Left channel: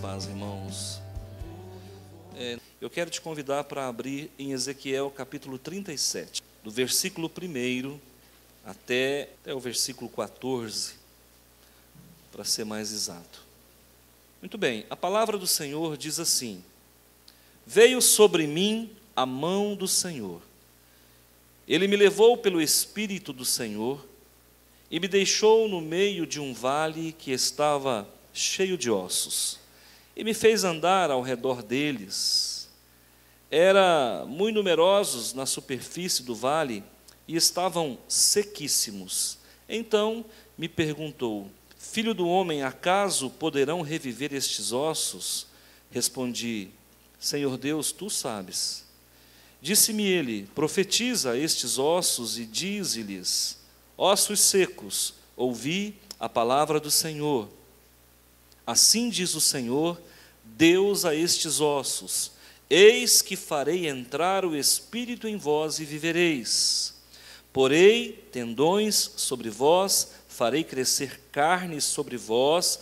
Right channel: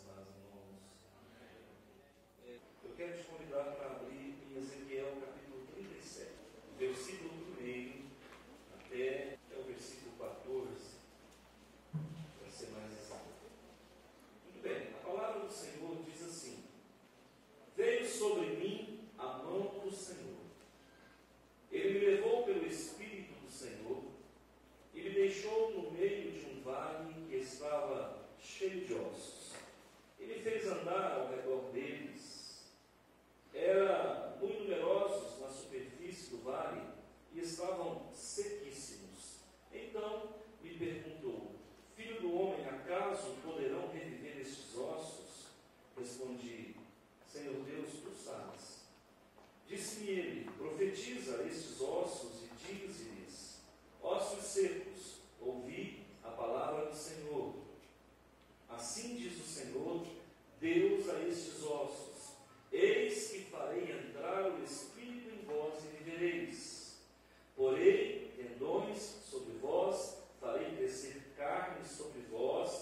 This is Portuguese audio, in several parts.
Paz, irmãos. Eu quero te convidar para abrir em Ezequiel capítulo 37, do versículo 1 até o versículo 14, para ser mais exato. Muito bem, a palavra do Senhor diz assim: veio sobre mim a mão do Senhor, Ele me levou pelo Espírito do Senhor e me deixou no meio de um vale que estava cheio de ossos, e me fez andar ao redor deles. Eram muito numerosos na superfície do vale e estavam sequíssimos. Então me perguntou: filho do homem, acaso poderão reviver estes ossos? Respondi: Senhor Deus, tu sabes. Disse-me ele: profetiza a estes ossos e dize-lhes: ossos secos, ouvi a palavra do Senhor. Assim diz o Senhor, Deus, a estes ossos: eis que farei entrar o Espírito em vós e vivereis. Porei tendões sobre vós, farei crescer carne sobre vós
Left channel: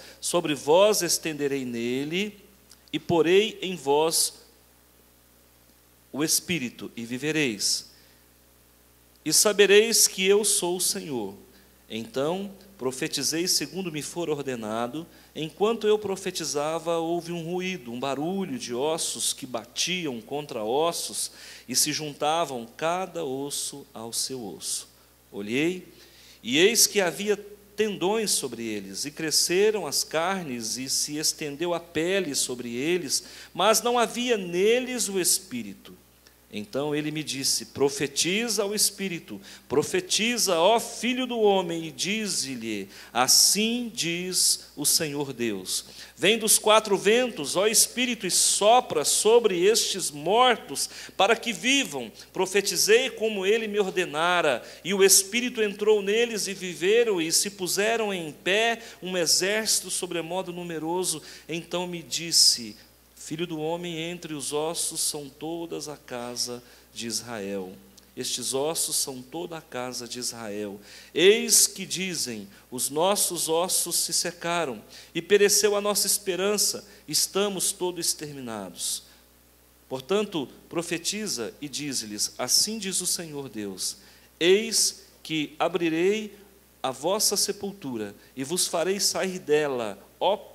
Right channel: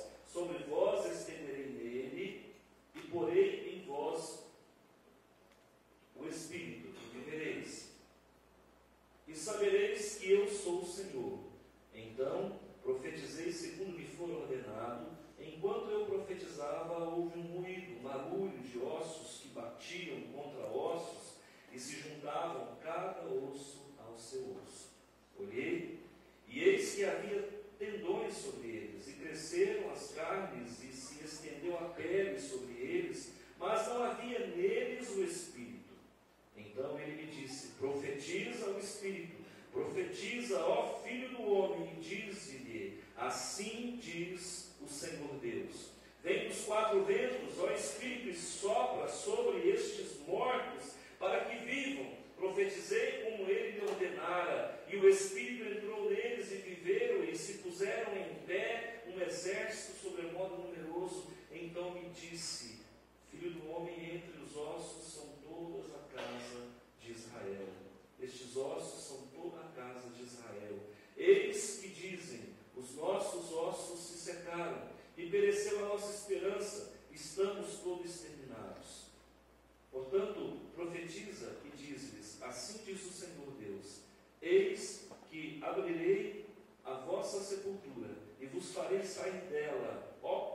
estenderei nele, e porei em vós o Espírito, e vivereis. E sabereis que eu sou o Senhor. Então profetizei segundo me for ordenado. Enquanto eu profetizava, houve um ruído, um barulho de ossos que batiam contra ossos e se juntavam cada osso ao seu osso. Olhei, e eis que havia tendões sobre eles, e cresceram as carnes, e se estendeu a pele sobre eles, mas não havia neles o Espírito. Então ele me disse: profetiza ao Espírito, profetiza, ó filho do homem, e dize-lhe: assim diz o Senhor Deus. Vem dos quatro ventos, ó Espírito, e sopra sobre estes mortos, para que vivam. Profetizei como ele me ordenara, e o Espírito entrou neles, e viveram, e se puseram em pé um exército sobremodo numeroso. Então me disse: filho do homem, entre os ossos são todas a casa de Israel. Estes ossos são toda a casa de Israel. Eis que dizem: os nossos ossos se secaram, e pereceu a nossa esperança, estamos todos exterminados. Portanto, profetiza e dize-lhes: assim diz o Senhor Deus: eis que abrirei a vossa sepultura, e vos farei sair dela, ó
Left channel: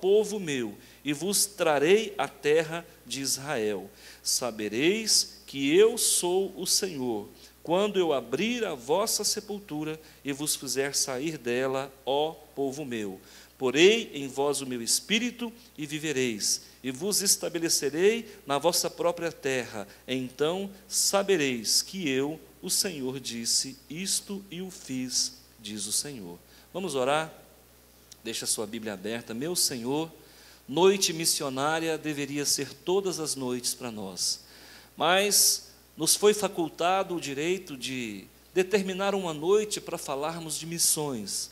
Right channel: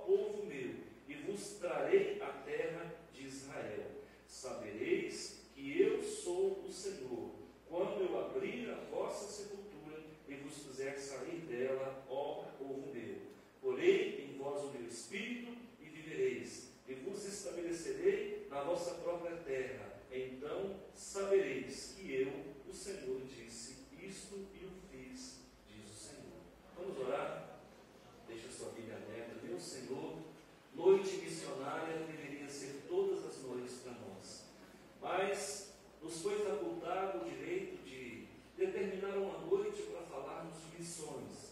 povo meu, e vos trarei a terra de Israel. Sabereis que eu sou o Senhor, quando eu abrir a vossa sepultura e vos fizer sair dela, ó povo meu. Porei em vós o meu espírito e vivereis, e vos estabelecerei na vossa própria terra. Então sabereis que eu, o Senhor, disse isto e o fiz, diz o Senhor. Vamos orar? Deixa a sua Bíblia aberta. Meu Senhor, noite missionária deveria ser todas as noites para nós, mas nos foi facultado o direito de determinar uma noite para falarmos de missões.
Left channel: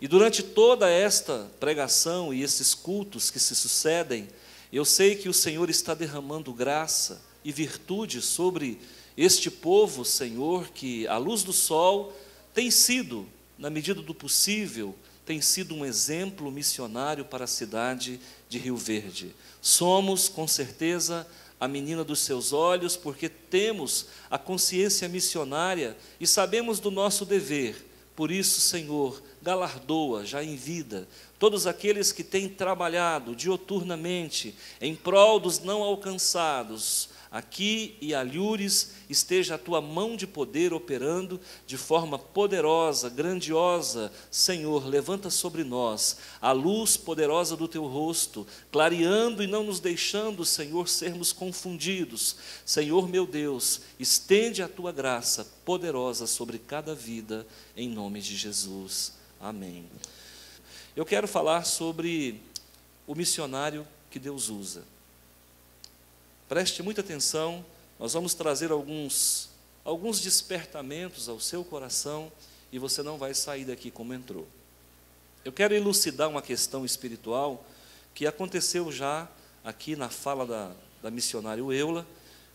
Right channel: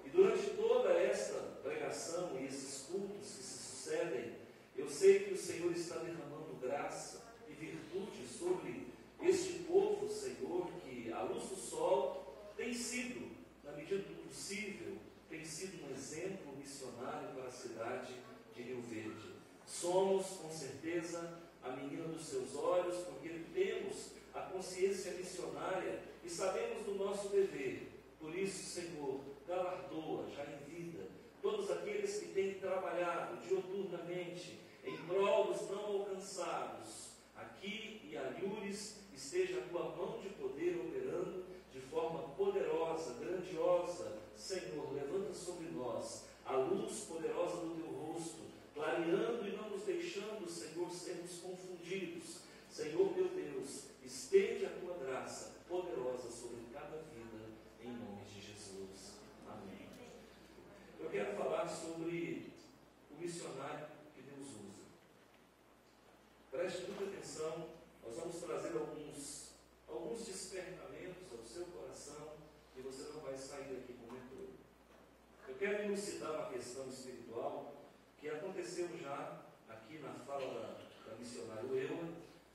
E durante toda esta pregação e esses cultos que se sucedem, eu sei que o Senhor está derramando graça e virtude sobre este povo, Senhor, que à luz do sol tem sido, na medida do possível, tem sido um exemplo missionário para a cidade de Rio Verde. Somos, com certeza, a menina dos seus olhos, porque temos a consciência missionária e sabemos do nosso dever. Por isso, Senhor, galardoa já em vida todos aqueles que têm trabalhado dioturnamente em prol dos não alcançados. Aqui e alhures esteja a tua mão de poder operando de forma poderosa, grandiosa. Senhor, levanta sobre nós a luz poderosa do teu rosto, clareando e não nos deixando, Senhor, sermos confundidos. Senhor meu Deus, estende a tua graça poderosa sobre cada vida, em nome de Jesus. Amém. Eu quero falar sobre o missionário que Deus usa. Preste muita atenção, nós vamos trazer alguns despertamentos ao seu coração e você não vai sair daqui como entrou. Eu quero elucidar uma questão espiritual que aconteceu já aqui na fala da missionária Eula,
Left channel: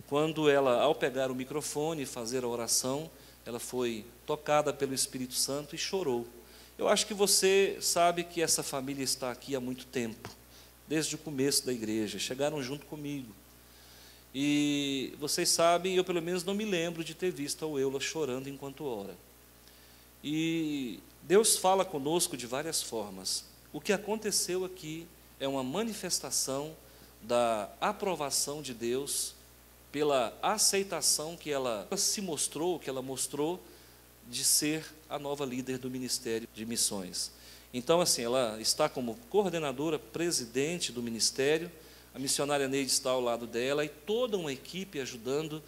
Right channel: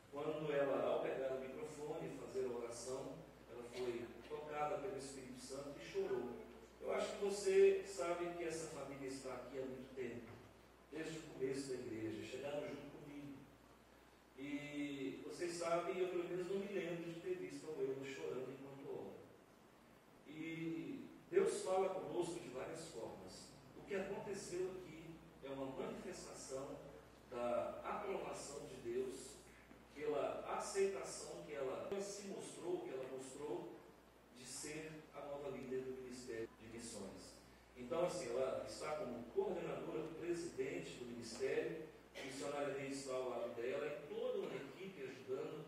quando ela, ao pegar o microfone e fazer a oração, ela foi tocada pelo Espírito Santo e chorou. Eu acho que você sabe que essa família está aqui há muito tempo, desde o começo da igreja, chegaram junto comigo. E vocês sabem, eu pelo menos não me lembro de ter visto a Eula chorando enquanto ora. E Deus fala conosco de várias formas. O que aconteceu aqui é uma manifestação da aprovação de Deus pela aceitação que ela se mostrou, que ela mostrou de ser a nova líder do Ministério de Missões. Então, assim, ela está como coordenadora, presidente do ministério, a missionária Neide está ao lado dela e toda uma equipe ajudando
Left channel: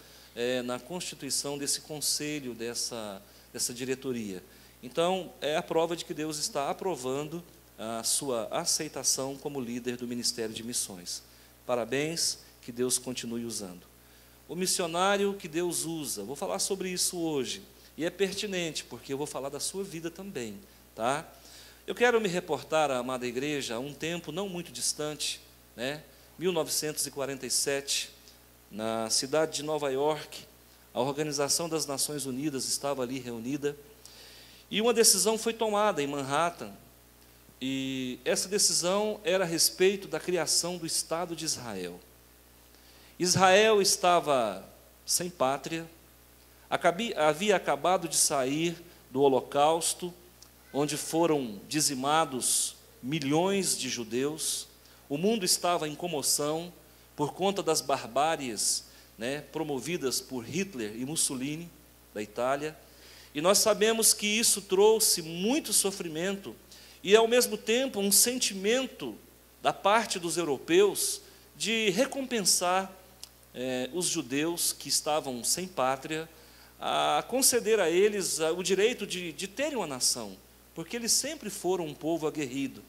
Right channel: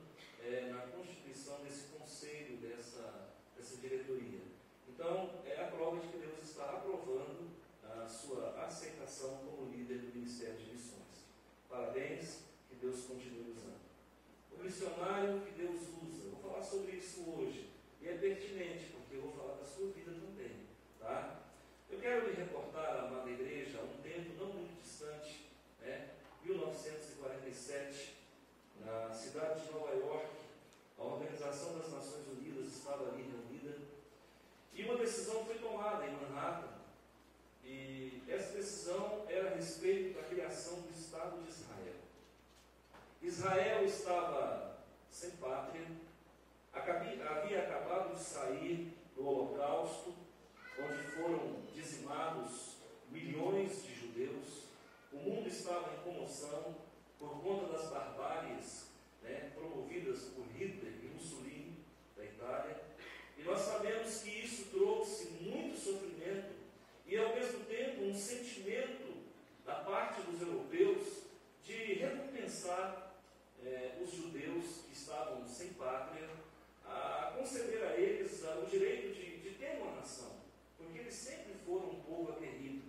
na constituição desse conselho, dessa diretoria. Então, é a prova de que Deus está aprovando a sua aceitação como líder do Ministério de Missões. Parabéns, que Deus continue usando. O missionário que Deus usa, vou falar sobre isso hoje, e é pertinente, porque eu vou falar da sua vida também, tá? Eu quero me reportar à amada igreja a um tempo não muito distante, 1947, na cidade de Nova York, a Organização das Nações Unidas estava ali reunida, e uma decisão foi tomada em Manhattan, e essa decisão era a respeito da criação do Estado de Israel. Israel estava sem pátria, havia acabado de sair do Holocausto, onde foram dizimados milhões de judeus. O mundo estava em comoção por conta das barbáries, promovidas por Hitler e Mussolini, da Itália. E nós sabemos que isso trouxe muito sofrimento e, ao mesmo tempo, um sentimento da parte dos europeus de recompensar os judeus que estavam sem pátria, a conceder a eles o direito de terem uma nação, porque eles sempre foram um povo aguerrido.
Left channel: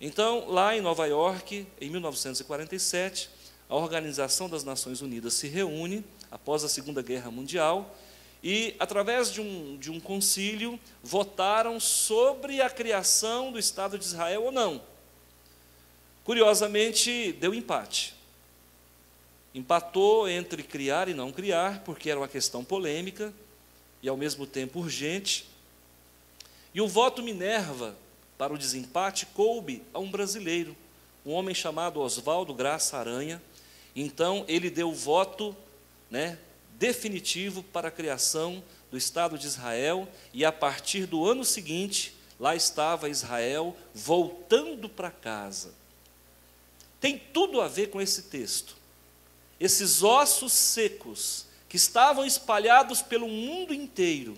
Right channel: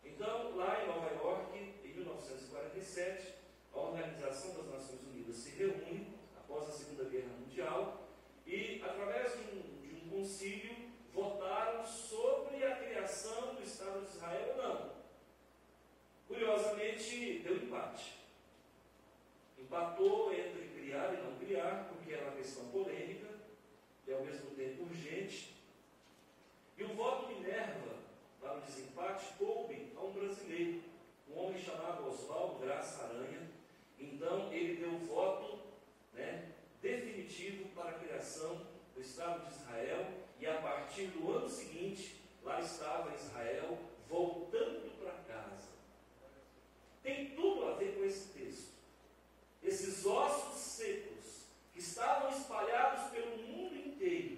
Então, lá em Nova York, em 1947, a Organização das Nações Unidas se reúne, após a Segunda Guerra Mundial, e, através de um concílio, votaram sobre a criação do Estado de Israel ou não. Curiosamente, deu empate. Empatou entre criar e não criar, porque era uma questão polêmica e, ao mesmo tempo, urgente. E o voto Minerva para o desempate coube a um brasileiro, um homem chamado Oswaldo Graça Aranha. Então, ele deu o voto definitivo para a criação do Estado de Israel, e a partir do ano seguinte, lá estava Israel voltando para casa. Tem tudo a ver com esse texto. Esses ossos secos que estavam espalhados pelo mundo inteiro,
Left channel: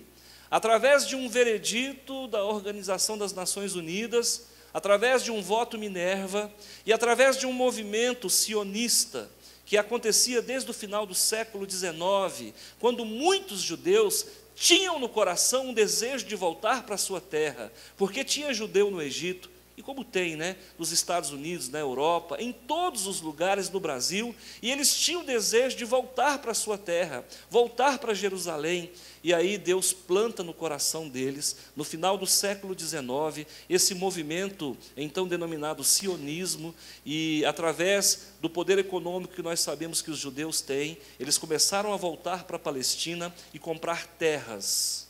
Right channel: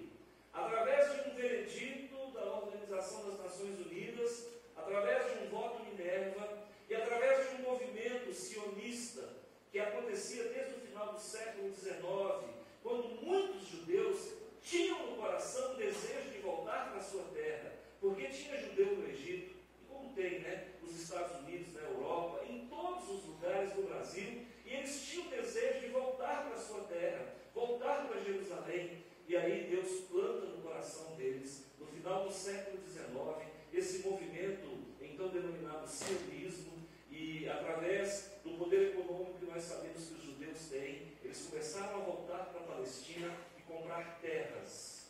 através de um veredito da Organização das Nações Unidas, através de um voto Minerva e através de um movimento sionista que acontecia desde o final do século XIX, quando muitos judeus tinham no coração um desejo de voltar para a sua terra, porque tinha judeu no Egito, e como tem, nos Estados Unidos, na Europa, em todos os lugares do Brasil, e eles tinham o desejo de voltar para a sua terra, voltar para Jerusalém, e aí Deus planta no coração deles, no final do século XIX, esse movimento, então denominado sionismo, e através do poder econômico que nós sabemos que os judeus têm, eles começaram a voltar para a Palestina e comprar terras,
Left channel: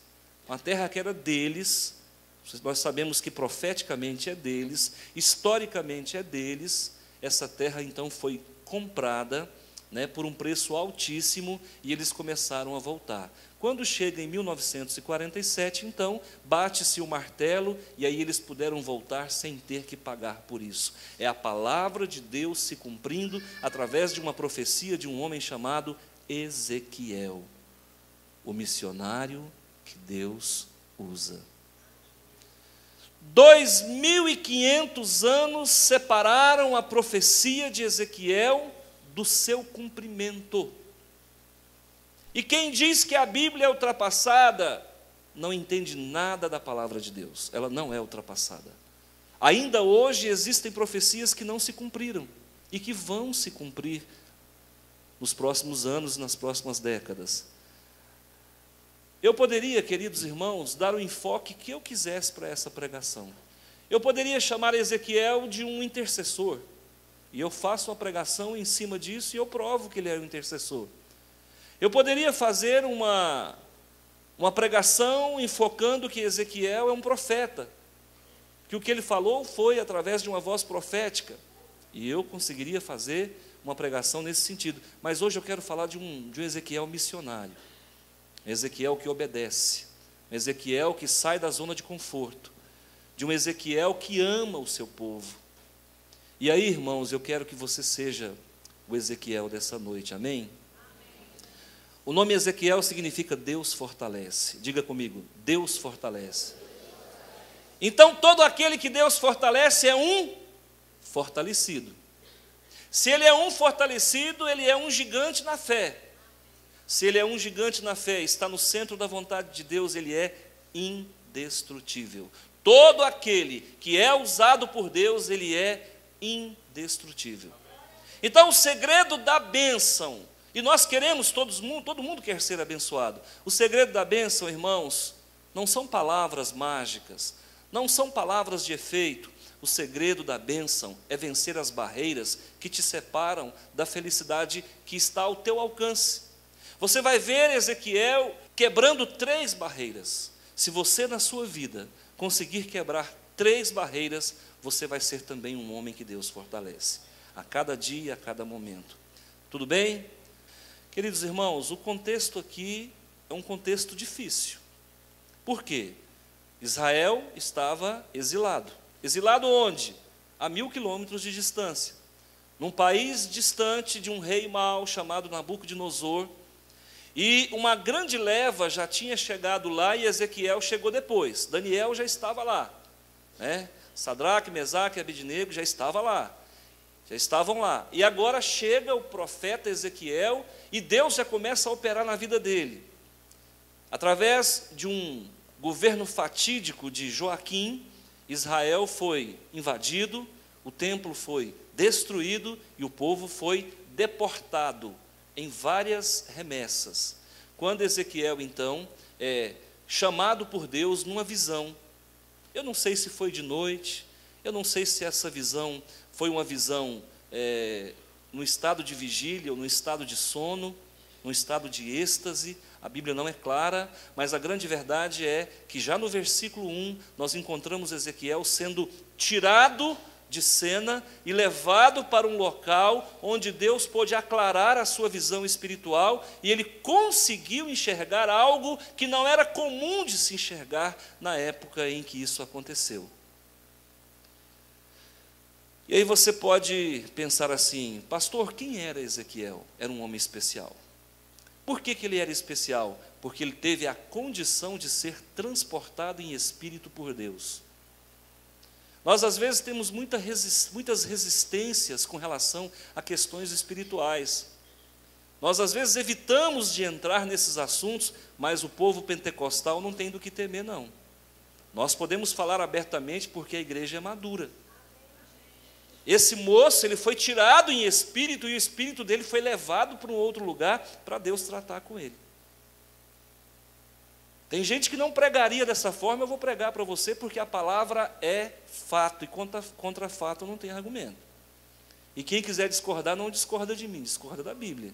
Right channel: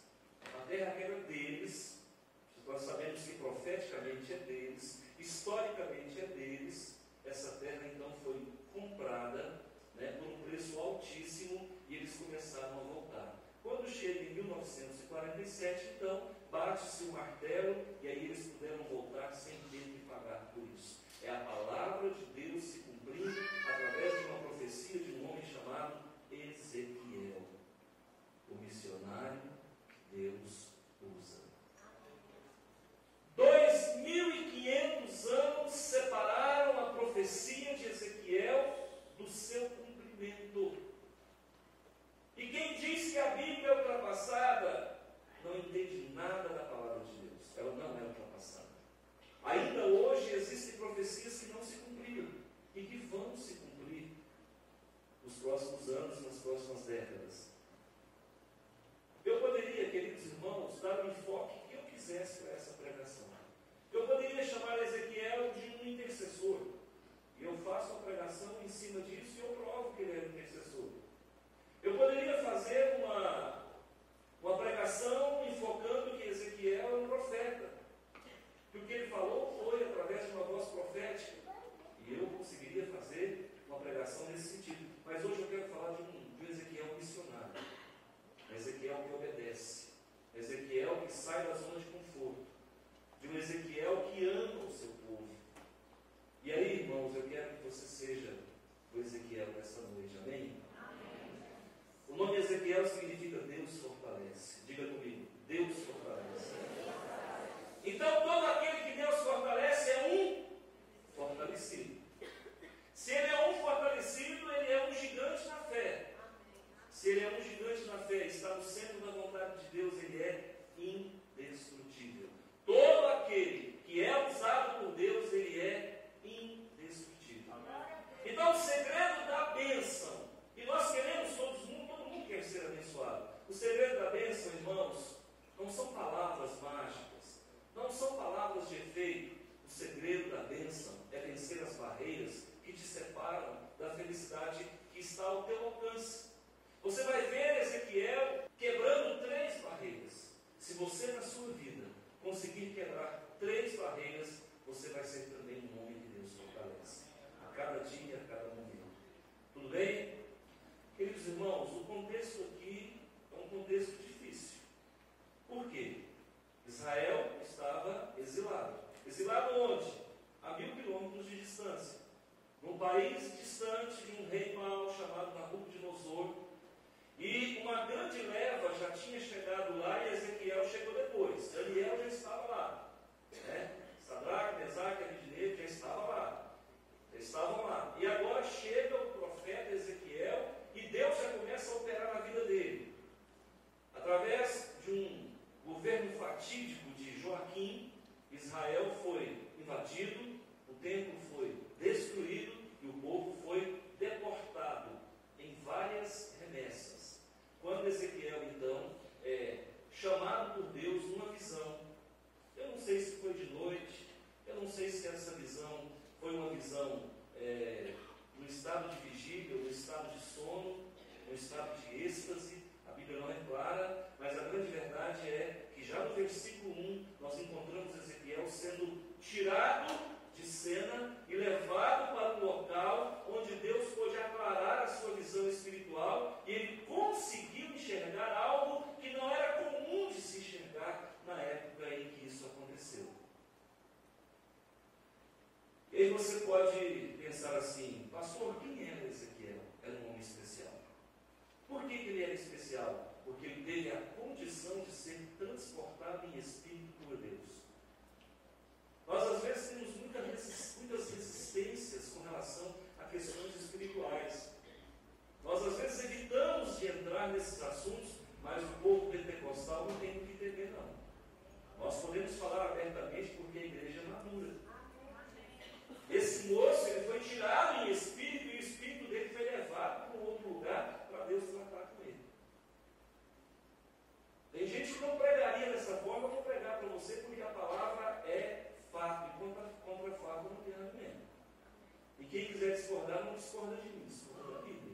uma terra que era deles. Nós sabemos que profeticamente é deles, historicamente é deles. Essa terra então foi comprada por um preço altíssimo e eles começaram a voltar. Quando chega em 1947, então, bate-se o martelo e aí eles puderam voltar sem ter que pagar por isso. É a palavra de Deus se cumprindo através de uma profecia de um homem chamado Ezequiel, o missionário que Deus usa. 2.500 anos separaram a profecia de Ezequiel do seu cumprimento. E quem diz que a Bíblia é ultrapassada, não entende nada da palavra de Deus. Ela não é ultrapassada. Ainda hoje existem profecias que não se cumpriram e que vão se cumprir nos próximos anos e nas próximas décadas. Eu poderia, queridos irmãos, dar o enfoque que eu quisesse para essa pregação. Eu poderia chamar Ezequiel de um intercessor e eu faço uma pregação em cima disso e eu provo que ele era um intercessor. Eu poderia fazer uma pregação enfocando que Ezequiel é um profeta, que o que ele falou foi através de uma voz profética, e eu conseguiria fazer uma pregação nesse sentido. Mas hoje eu quero falar de um Ezequiel missionário, Ezequiel que obedece, Ezequiel que sai da zona de conforto, de um Ezequiel que ama o seu povo. E aí, irmãos, eu quero que você seja o Ezequiel dessa noite, amém? O nome Ezequiel significa Deus fortalece. Diga comigo, Deus fortalece. Então, todo aquele que Deus fortalece é um fortalecido. Se ele é um fortalecido, ele é um gigante na fé. Se ele é um gigante na fé, está no centro da vontade de Deus, ele é indestrutível. Todo aquele que é usado por Deus, ele é indestrutível. Então, o segredo da bênção, e nós queremos, todo mundo quer ser abençoado. O segredo da bênção, irmãos, não são palavras mágicas, não são palavras de efeito. O segredo da bênção é vencer as barreiras que te separam da felicidade que está ao teu alcance. Você vai ver Ezequiel quebrando 3 barreiras. Se você na sua vida conseguir quebrar 3 barreiras, você vai ser também um homem que Deus fortalece, a cada dia, a cada momento. Tudo bem? Queridos irmãos, o contexto aqui é um contexto difícil. Por quê? Israel estava exilado. Exilado onde? A 1000 quilômetros de distância. Num país distante de um rei mau chamado Nabucodonosor. E uma grande leva já tinha chegado lá e Ezequiel chegou depois. Daniel já estava lá, né? Sadraque, Mesaque e Abednego já estavam lá. E agora chega o profeta Ezequiel e Deus já começa a operar na vida dele. Através de um governo fatídico de Joaquim, Israel foi invadido, o templo foi destruído e o povo foi deportado em várias remessas. Quando Ezequiel, então, é chamado por Deus numa visão, eu não sei se foi de noite, eu não sei se essa visão foi uma visão no estado de vigília ou no estado de sono, no estado de êxtase, a Bíblia não é clara, mas a grande verdade é que já no versículo 1, nós encontramos Ezequiel sendo tirado de cena e levado para um local onde Deus pôde aclarar a sua visão espiritual e ele conseguiu enxergar algo que não era comum de se enxergar na época em que isso aconteceu. E aí você pode pensar assim, pastor, quem era Ezequiel? Era um homem especial. Por que ele era especial? Porque ele teve a condição de ser transportado em espírito por Deus. Nós, às vezes, temos muitas resistências com relação a questões espirituais. Nós, às vezes, evitamos de entrar nesses assuntos, mas o povo pentecostal não tem do que temer, não. Nós podemos falar abertamente porque a igreja é madura. Esse moço, ele foi tirado em espírito e o espírito dele foi levado para um outro lugar para Deus tratar com ele. Tem gente que não pregaria dessa forma, eu vou pregar para você porque a palavra é fato e contra fato não tem argumento. E quem quiser discordar, não discorda de mim, discorda da Bíblia.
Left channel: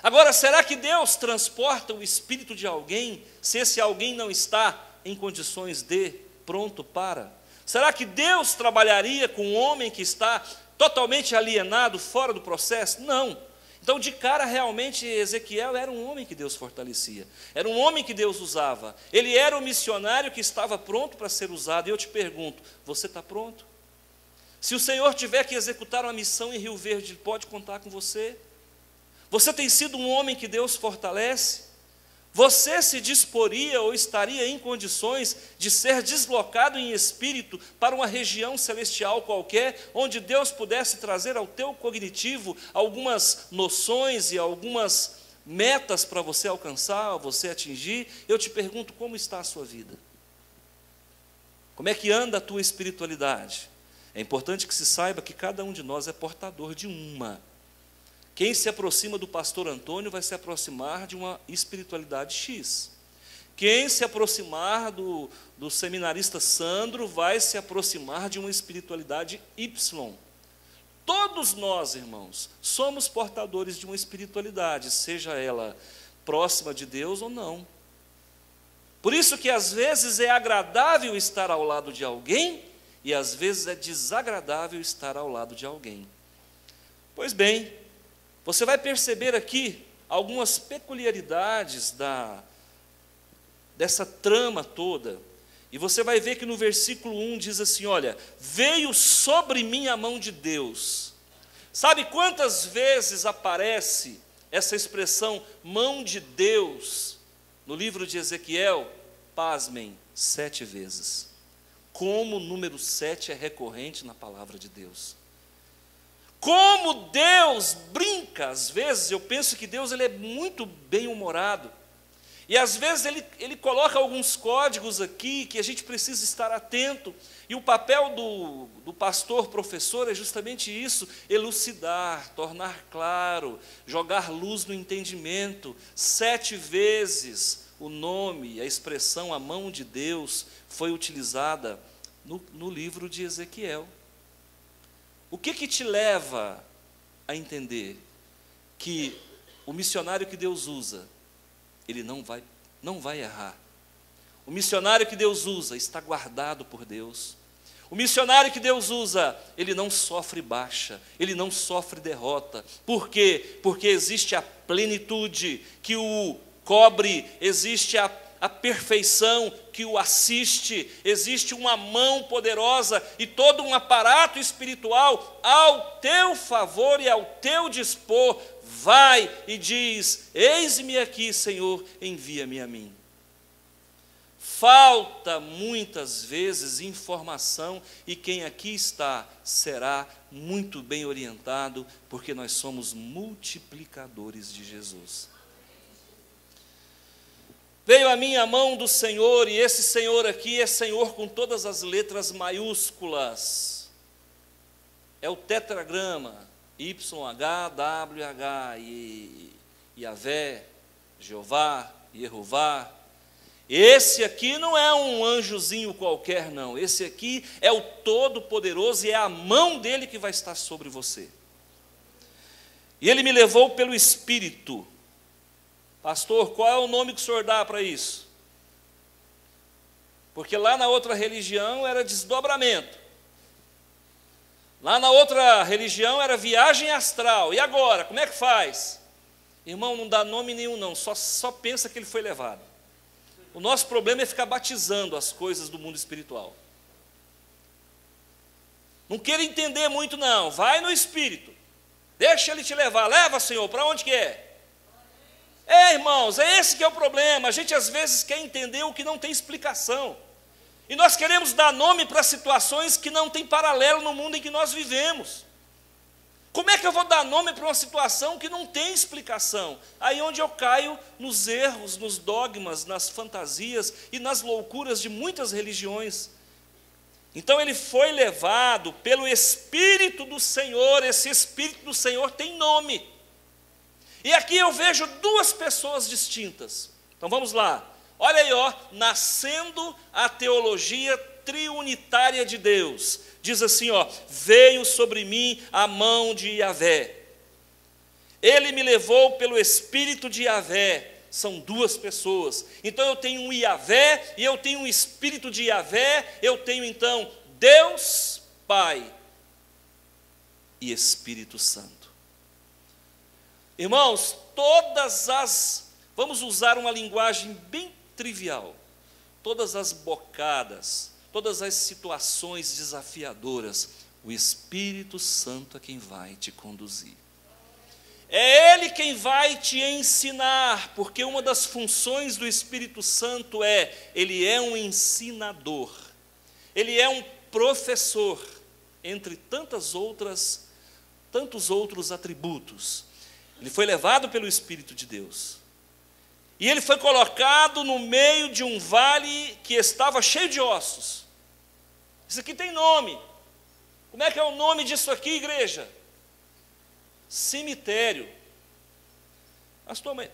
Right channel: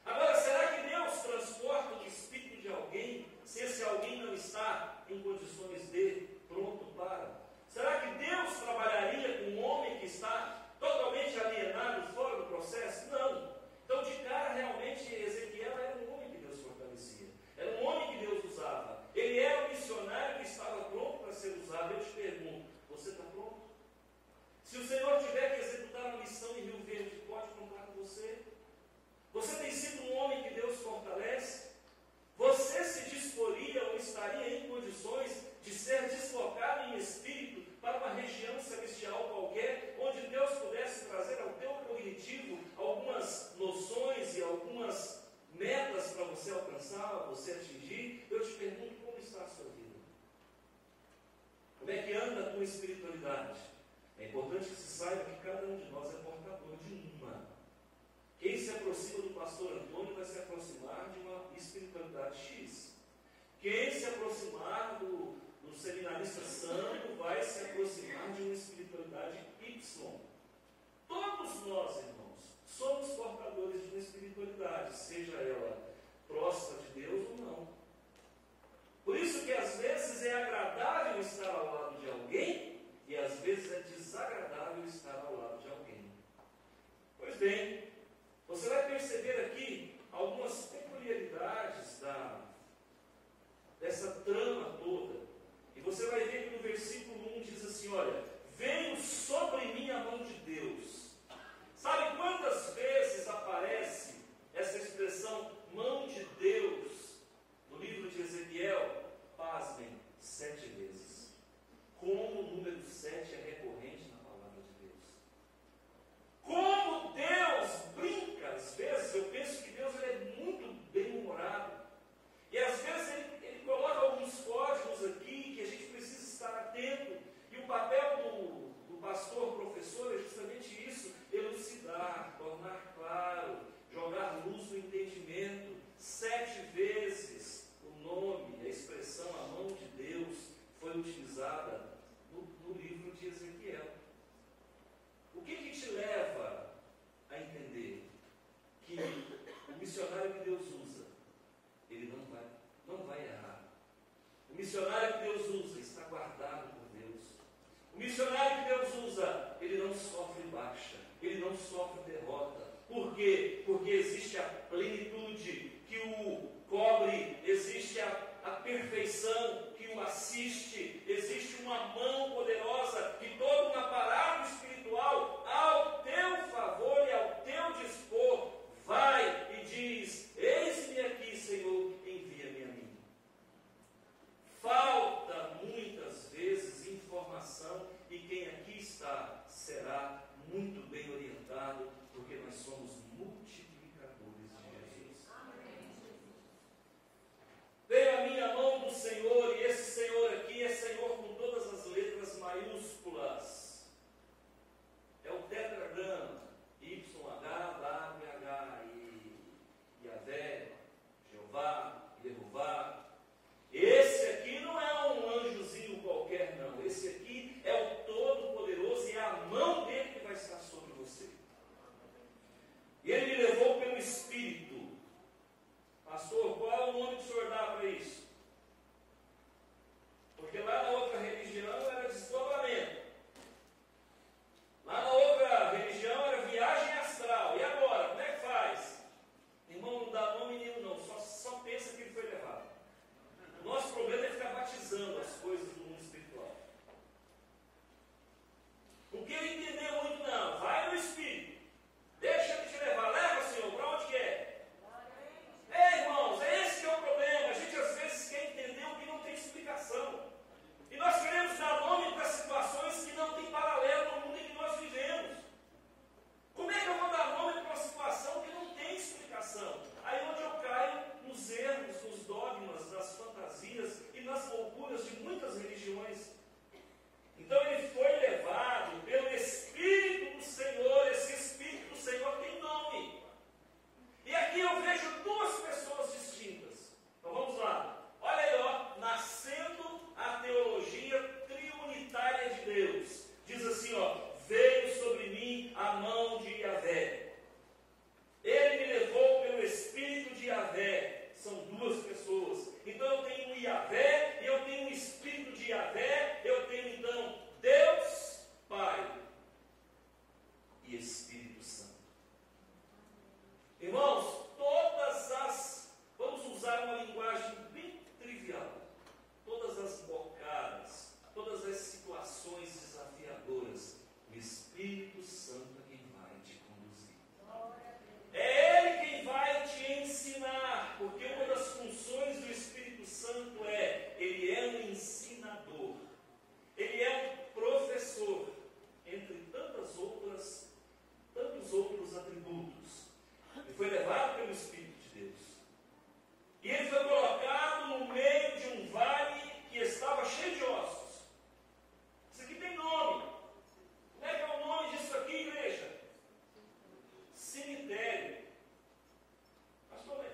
Agora, será que Deus transporta o espírito de alguém se esse alguém não está em condições de, pronto para? Será que Deus trabalharia com um homem que está totalmente alienado, fora do processo? Não. Então, de cara, realmente, Ezequiel era um homem que Deus fortalecia. Era um homem que Deus usava. Ele era o missionário que estava pronto para ser usado. E eu te pergunto, você está pronto? Se o Senhor tiver que executar uma missão em Rio Verde, pode contar com você? Você tem sido um homem que Deus fortalece? Você se disporia ou estaria em condições de ser deslocado em espírito para uma região celestial qualquer, onde Deus pudesse trazer ao teu cognitivo algumas noções e algumas metas para você alcançar, você atingir? Eu te pergunto, como está a sua vida? Como é que anda a tua espiritualidade? É importante que se saiba que cada um de nós é portador de uma. Quem se aproxima do pastor Antônio vai se aproximar de uma espiritualidade X. Quem se aproximar do seminarista Sandro vai se aproximar de uma espiritualidade Y. todos nós, irmãos, somos portadores de uma espiritualidade, seja ela próxima de Deus ou não. Por isso que às vezes é agradável estar ao lado de alguém e às vezes é desagradável estar ao lado de alguém. Pois bem, você vai perceber aqui algumas peculiaridades dessa trama toda. E você vai ver que no versículo 1 diz assim, olha, veio sobre mim a mão de Deus. Sabe quantas vezes aparece essa expressão mão de Deus no livro de Ezequiel? Pasmem, 7 vezes. Como o número 7 é recorrente na palavra de Deus. Como Deus brinca, às vezes, eu penso que Deus ele é muito bem-humorado. E às vezes ele coloca alguns códigos aqui que a gente precisa estar atento. E o papel do pastor, professor, é justamente isso, elucidar, tornar claro, jogar luz no entendimento. 7 vezes o nome, a expressão, a mão de Deus, foi utilizada no livro de Ezequiel. O que te leva a entender que o missionário que Deus usa, ele não vai errar? O missionário que Deus usa está guardado por Deus. O missionário que Deus usa, ele não sofre baixa, ele não sofre derrota. Por quê? Porque existe a plenitude que o cobre, existe a perfeição que o assiste, existe uma mão poderosa e todo um aparato espiritual ao teu favor e ao teu dispor. Vai e diz, eis-me aqui, Senhor, envia-me a mim. Falta muitas vezes informação e quem aqui está será muito bem orientado, porque nós somos multiplicadores de Jesus. Veio a mim a mão do Senhor, e esse Senhor aqui é Senhor com todas as letras maiúsculas. É o tetragrama, YHWH, Yahvé, Jeová, Yehová. Esse aqui não é um anjozinho qualquer, não. Esse aqui é o Todo-Poderoso e é a mão dele que vai estar sobre você. E ele me levou pelo Espírito. Pastor, qual é o nome que o senhor dá para isso? Porque lá na outra religião era desdobramento. Lá na outra religião era viagem astral. E agora, como é que faz? Irmão, não dá nome nenhum não, só pensa que ele foi levado. O nosso problema é ficar batizando as coisas do mundo espiritual. Não queira entender muito não, vai no Espírito. Deixa ele te levar, leva, Senhor, para onde que é? Irmãos, é esse que é o problema. A gente às vezes quer entender o que não tem explicação. E nós queremos dar nome para situações que não tem paralelo no mundo em que nós vivemos. Como é que eu vou dar nome para uma situação que não tem explicação? Aí onde eu caio nos erros, nos dogmas, nas fantasias e nas loucuras de muitas religiões. Então ele foi levado pelo Espírito do Senhor. Esse Espírito do Senhor tem nome. E aqui eu vejo 2 pessoas distintas. Então vamos lá. Olha aí, nascendo a teologia triunitária de Deus. Diz assim, veio sobre mim a mão de Yahvé. Ele me levou pelo Espírito de Yahvé. São 2 pessoas. Então eu tenho um Yahvé e eu tenho um Espírito de Yahvé. Eu tenho então Deus Pai e Espírito Santo. Irmãos, vamos usar uma linguagem bem trivial, todas as bocadas, todas as situações desafiadoras, o Espírito Santo é quem vai te conduzir. É Ele quem vai te ensinar, porque uma das funções do Espírito Santo ele é um ensinador, ele é um professor, entre tantos outros atributos. Ele foi levado pelo Espírito de Deus. E ele foi colocado no meio de um vale que estava cheio de ossos. Isso aqui tem nome. Como é que é o nome disso aqui, igreja? Cemitério. Pastor, mas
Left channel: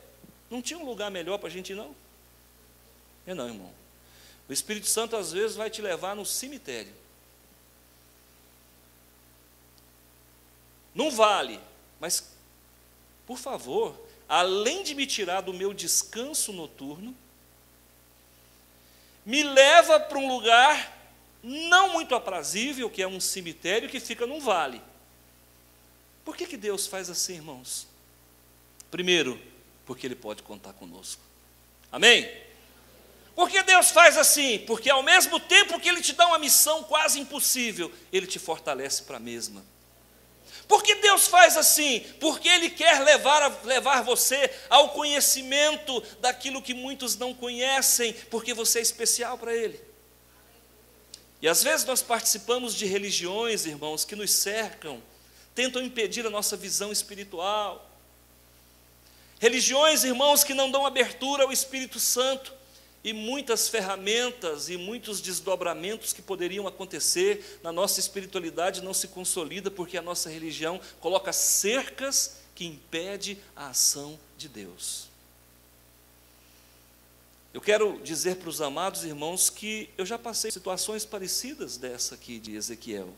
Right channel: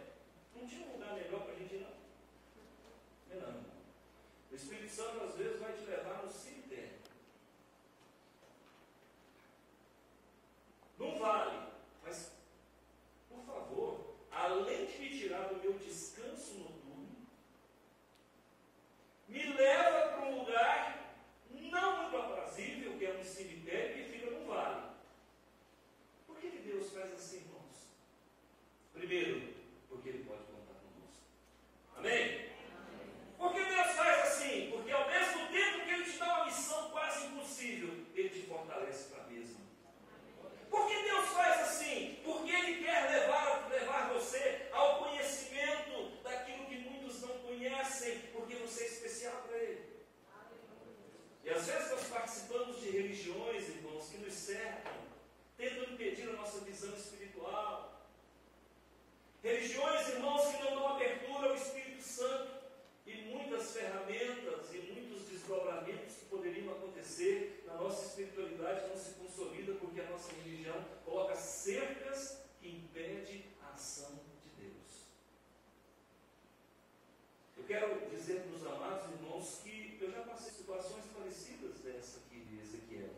não tinha um lugar melhor para a gente ir, não? Não, irmão. O Espírito Santo às vezes vai te levar no cemitério. num vale, mas, por favor, além de me tirar do meu descanso noturno, me leva para um lugar não muito aprazível, que é um cemitério que fica num vale. Por que Deus faz assim, irmãos? Primeiro, porque Ele pode contar conosco. Amém? Por que Deus faz assim? Porque ao mesmo tempo que Ele te dá uma missão quase impossível, Ele te fortalece para a mesma. Por que Deus faz assim? Porque Ele quer levar você ao conhecimento daquilo que muitos não conhecem, porque você é especial para Ele. E às vezes nós participamos de religiões, irmãos, que nos cercam, tentam impedir a nossa visão espiritual. Religiões, irmãos, que não dão abertura ao Espírito Santo, e muitas ferramentas e muitos desdobramentos que poderiam acontecer na nossa espiritualidade não se consolida, porque a nossa religião coloca cercas que impedem a ação de Deus. Eu quero dizer para os amados irmãos que eu já passei situações parecidas dessa aqui de Ezequiel.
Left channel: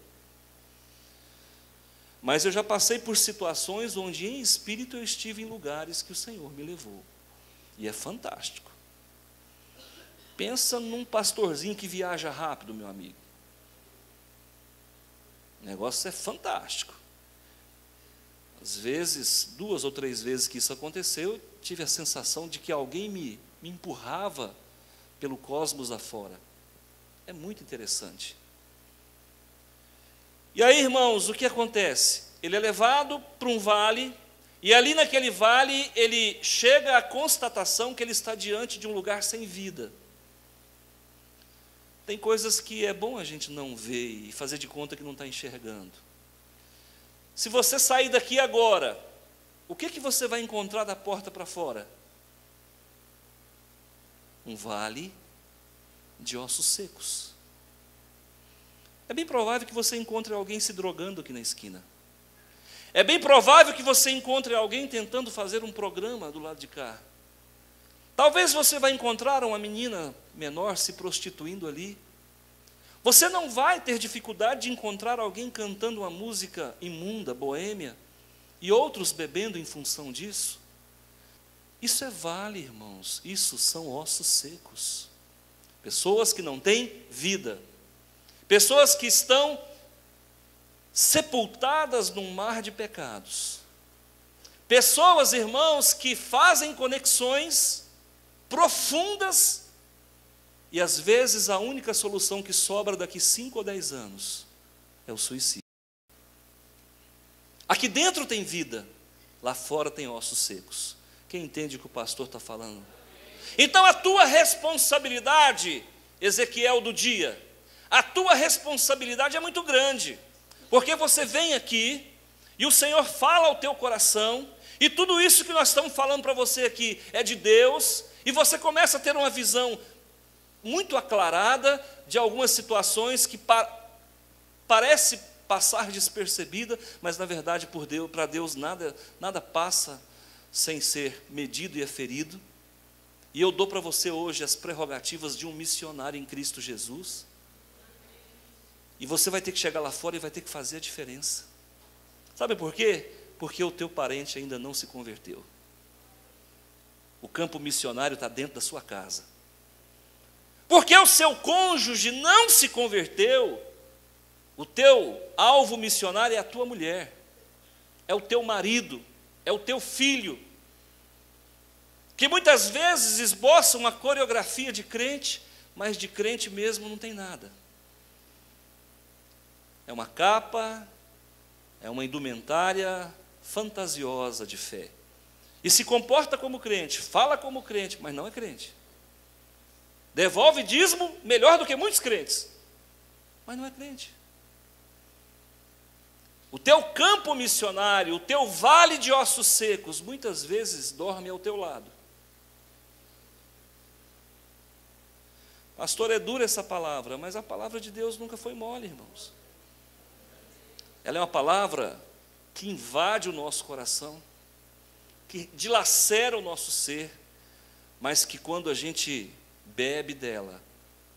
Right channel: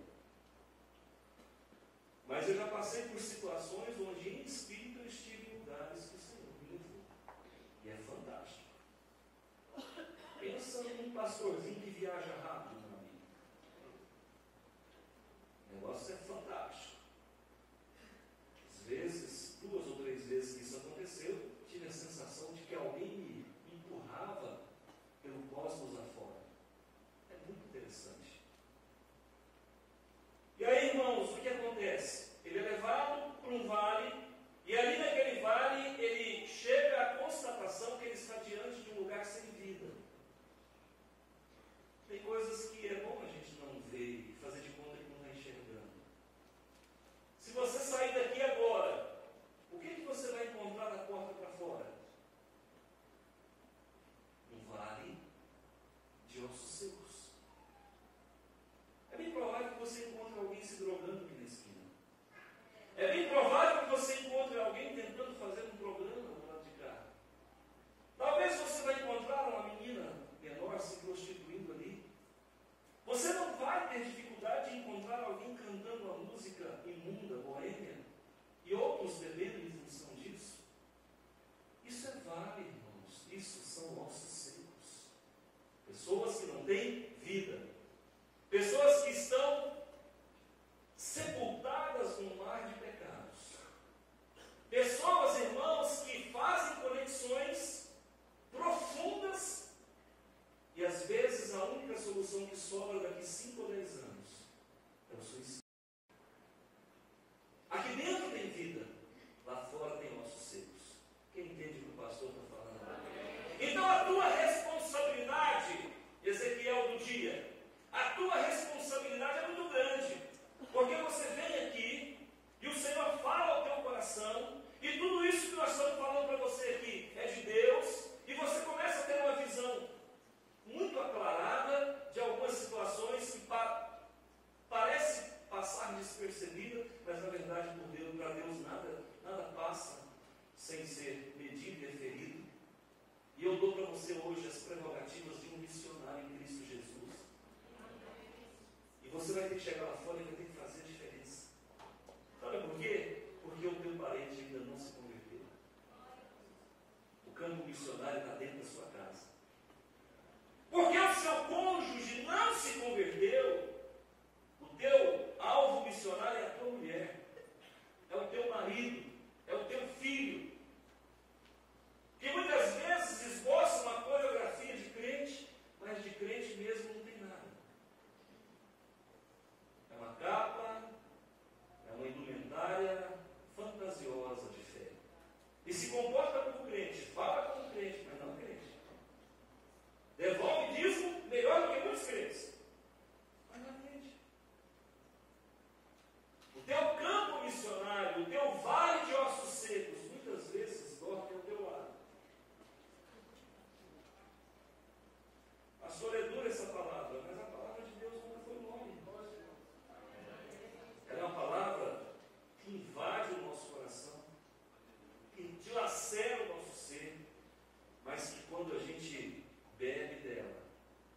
Mas eu já passei por situações onde em espírito eu estive em lugares que o Senhor me levou. E é fantástico. Pensa num pastorzinho que viaja rápido, meu amigo. O negócio é fantástico. Às vezes, 2 ou 3 vezes que isso aconteceu, tive a sensação de que alguém me empurrava pelo cosmos afora. É muito interessante. E aí, irmãos, o que acontece? Ele é levado para um vale, e ali naquele vale, ele chega à constatação que ele está diante de um lugar sem vida. Tem coisas que é bom a gente não ver e fazer de conta que não está enxergando. Se você sair daqui agora, o que você vai encontrar da porta para fora? Um vale de ossos secos. É bem provável que você encontre alguém se drogando aqui na esquina. É bem provável que você encontre alguém tentando fazer um programa do lado de cá. Talvez você vai encontrar uma menina menor se prostituindo ali. Você não vai ter dificuldade de encontrar alguém cantando uma música imunda, boêmia, e outros bebendo em função disso. Isso é vale, irmãos. Isso são ossos secos. Pessoas que não têm vida. Pessoas que estão sepultadas num mar de pecados. Pessoas, irmãos, que fazem conexões profundas e às vezes a única solução que sobra daqui 5 ou 10 anos é o suicídio. Aqui dentro tem vida, lá fora tem ossos secos. Quem entende o que o pastor está falando? Então a tua responsabilidade, Ezequiel do dia, a tua responsabilidade é muito grande, porque você vem aqui e o Senhor fala ao teu coração, e tudo isso que nós estamos falando para você aqui é de Deus, e você começa a ter uma visão muito aclarada de algumas situações que parece passar despercebida, mas na verdade para Deus nada passa sem ser medido e aferido. E eu dou para você hoje as prerrogativas de um missionário em Cristo Jesus. E você vai ter que chegar lá fora e vai ter que fazer a diferença. Sabe por quê? Porque o teu parente ainda não se converteu. O campo missionário está dentro da sua casa. Porque o seu cônjuge não se converteu, o teu alvo missionário é a tua mulher, é o teu marido, é o teu filho, que muitas vezes esboça uma coreografia de crente, mas de crente mesmo não tem nada. É uma capa, é uma indumentária fantasiosa de fé. E se comporta como crente, fala como crente, mas não é crente. Devolve dízimo melhor do que muitos crentes, mas não é crente. O teu campo missionário, o teu vale de ossos secos, muitas vezes dorme ao teu lado. Pastor, é dura essa palavra, mas a palavra de Deus nunca foi mole, irmãos. Ela é uma palavra que invade o nosso coração, que dilacera o nosso ser, mas que quando a gente bebe dela,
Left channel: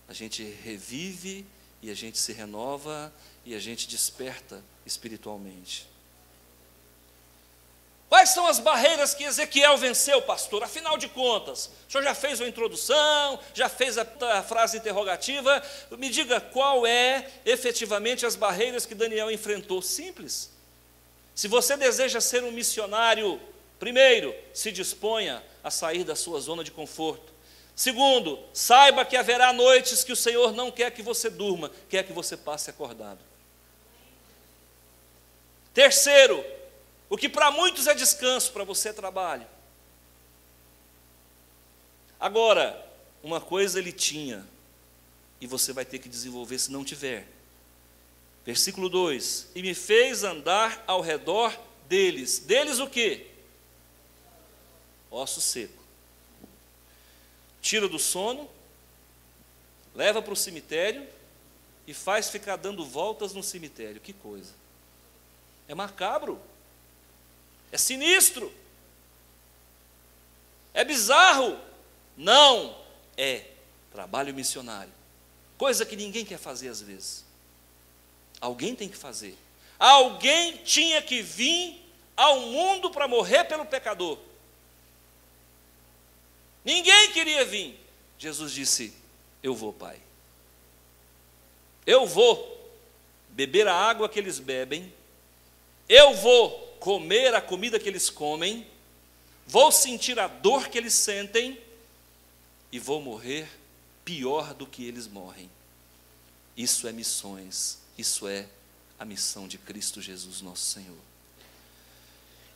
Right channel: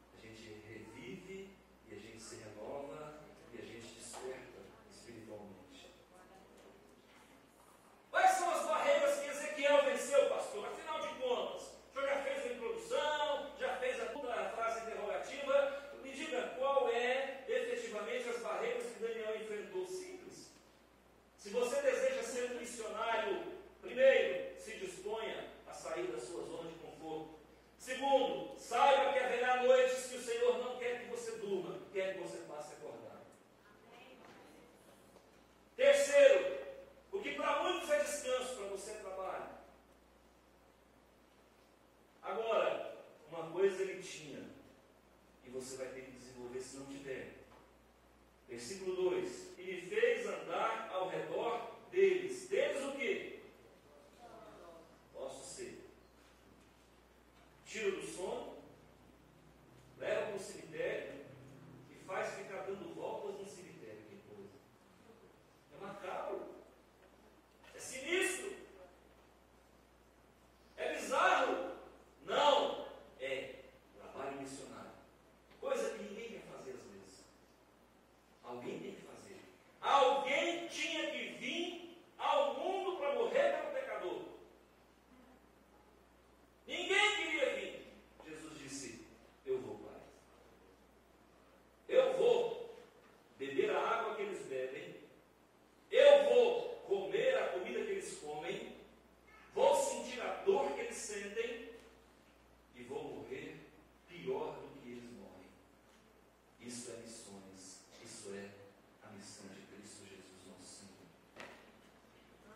a gente revive e a gente se renova e a gente desperta espiritualmente. Quais são as barreiras que Ezequiel venceu, pastor? Afinal de contas, o senhor já fez uma introdução, já fez a frase interrogativa. Me diga qual é efetivamente as barreiras que Daniel enfrentou. Simples. Se você deseja ser um missionário, primeiro, se disponha a sair da sua zona de conforto. Segundo, saiba que haverá noites que o Senhor não quer que você durma, quer que você passe acordado. Terceiro, o que para muitos é descanso, para você é trabalho. Agora, uma coisa ele tinha, e você vai ter que desenvolver se não tiver. Versículo 2: e me fez andar ao redor deles. Deles o quê? Osso seco. Tira do sono, leva para o cemitério e faz ficar dando voltas no cemitério. Que coisa! É macabro, é sinistro, é bizarro. Não, é trabalho missionário, coisa que ninguém quer fazer às vezes. Alguém tem que fazer. Alguém tinha que vir ao mundo para morrer pelo pecador. Ninguém queria vir. Jesus disse: eu vou, Pai. Eu vou beber a água que eles bebem. Eu vou comer a comida que eles comem. Vou sentir a dor que eles sentem. E vou morrer pior do que eles morrem. Isso é missões. Isso é a missão de Cristo Jesus, nosso Senhor.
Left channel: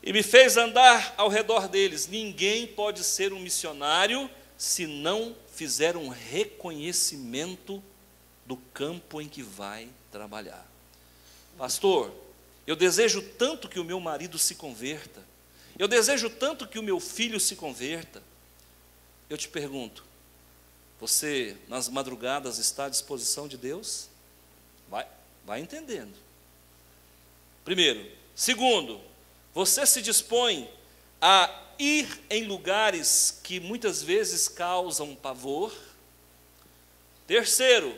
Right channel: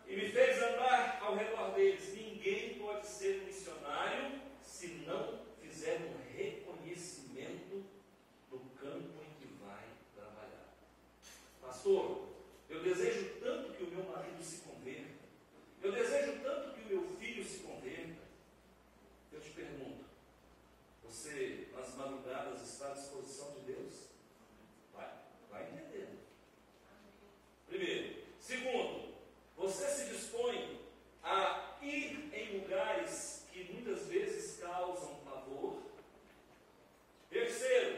E me fez andar ao redor deles. Ninguém pode ser um missionário se não fizer um reconhecimento do campo em que vai trabalhar. Pastor, eu desejo tanto que o meu marido se converta. Eu desejo tanto que o meu filho se converta. Eu te pergunto, você nas madrugadas está à disposição de Deus? Vai entendendo. Primeiro. Segundo, você se dispõe a ir em lugares que muitas vezes causam pavor? Terceiro,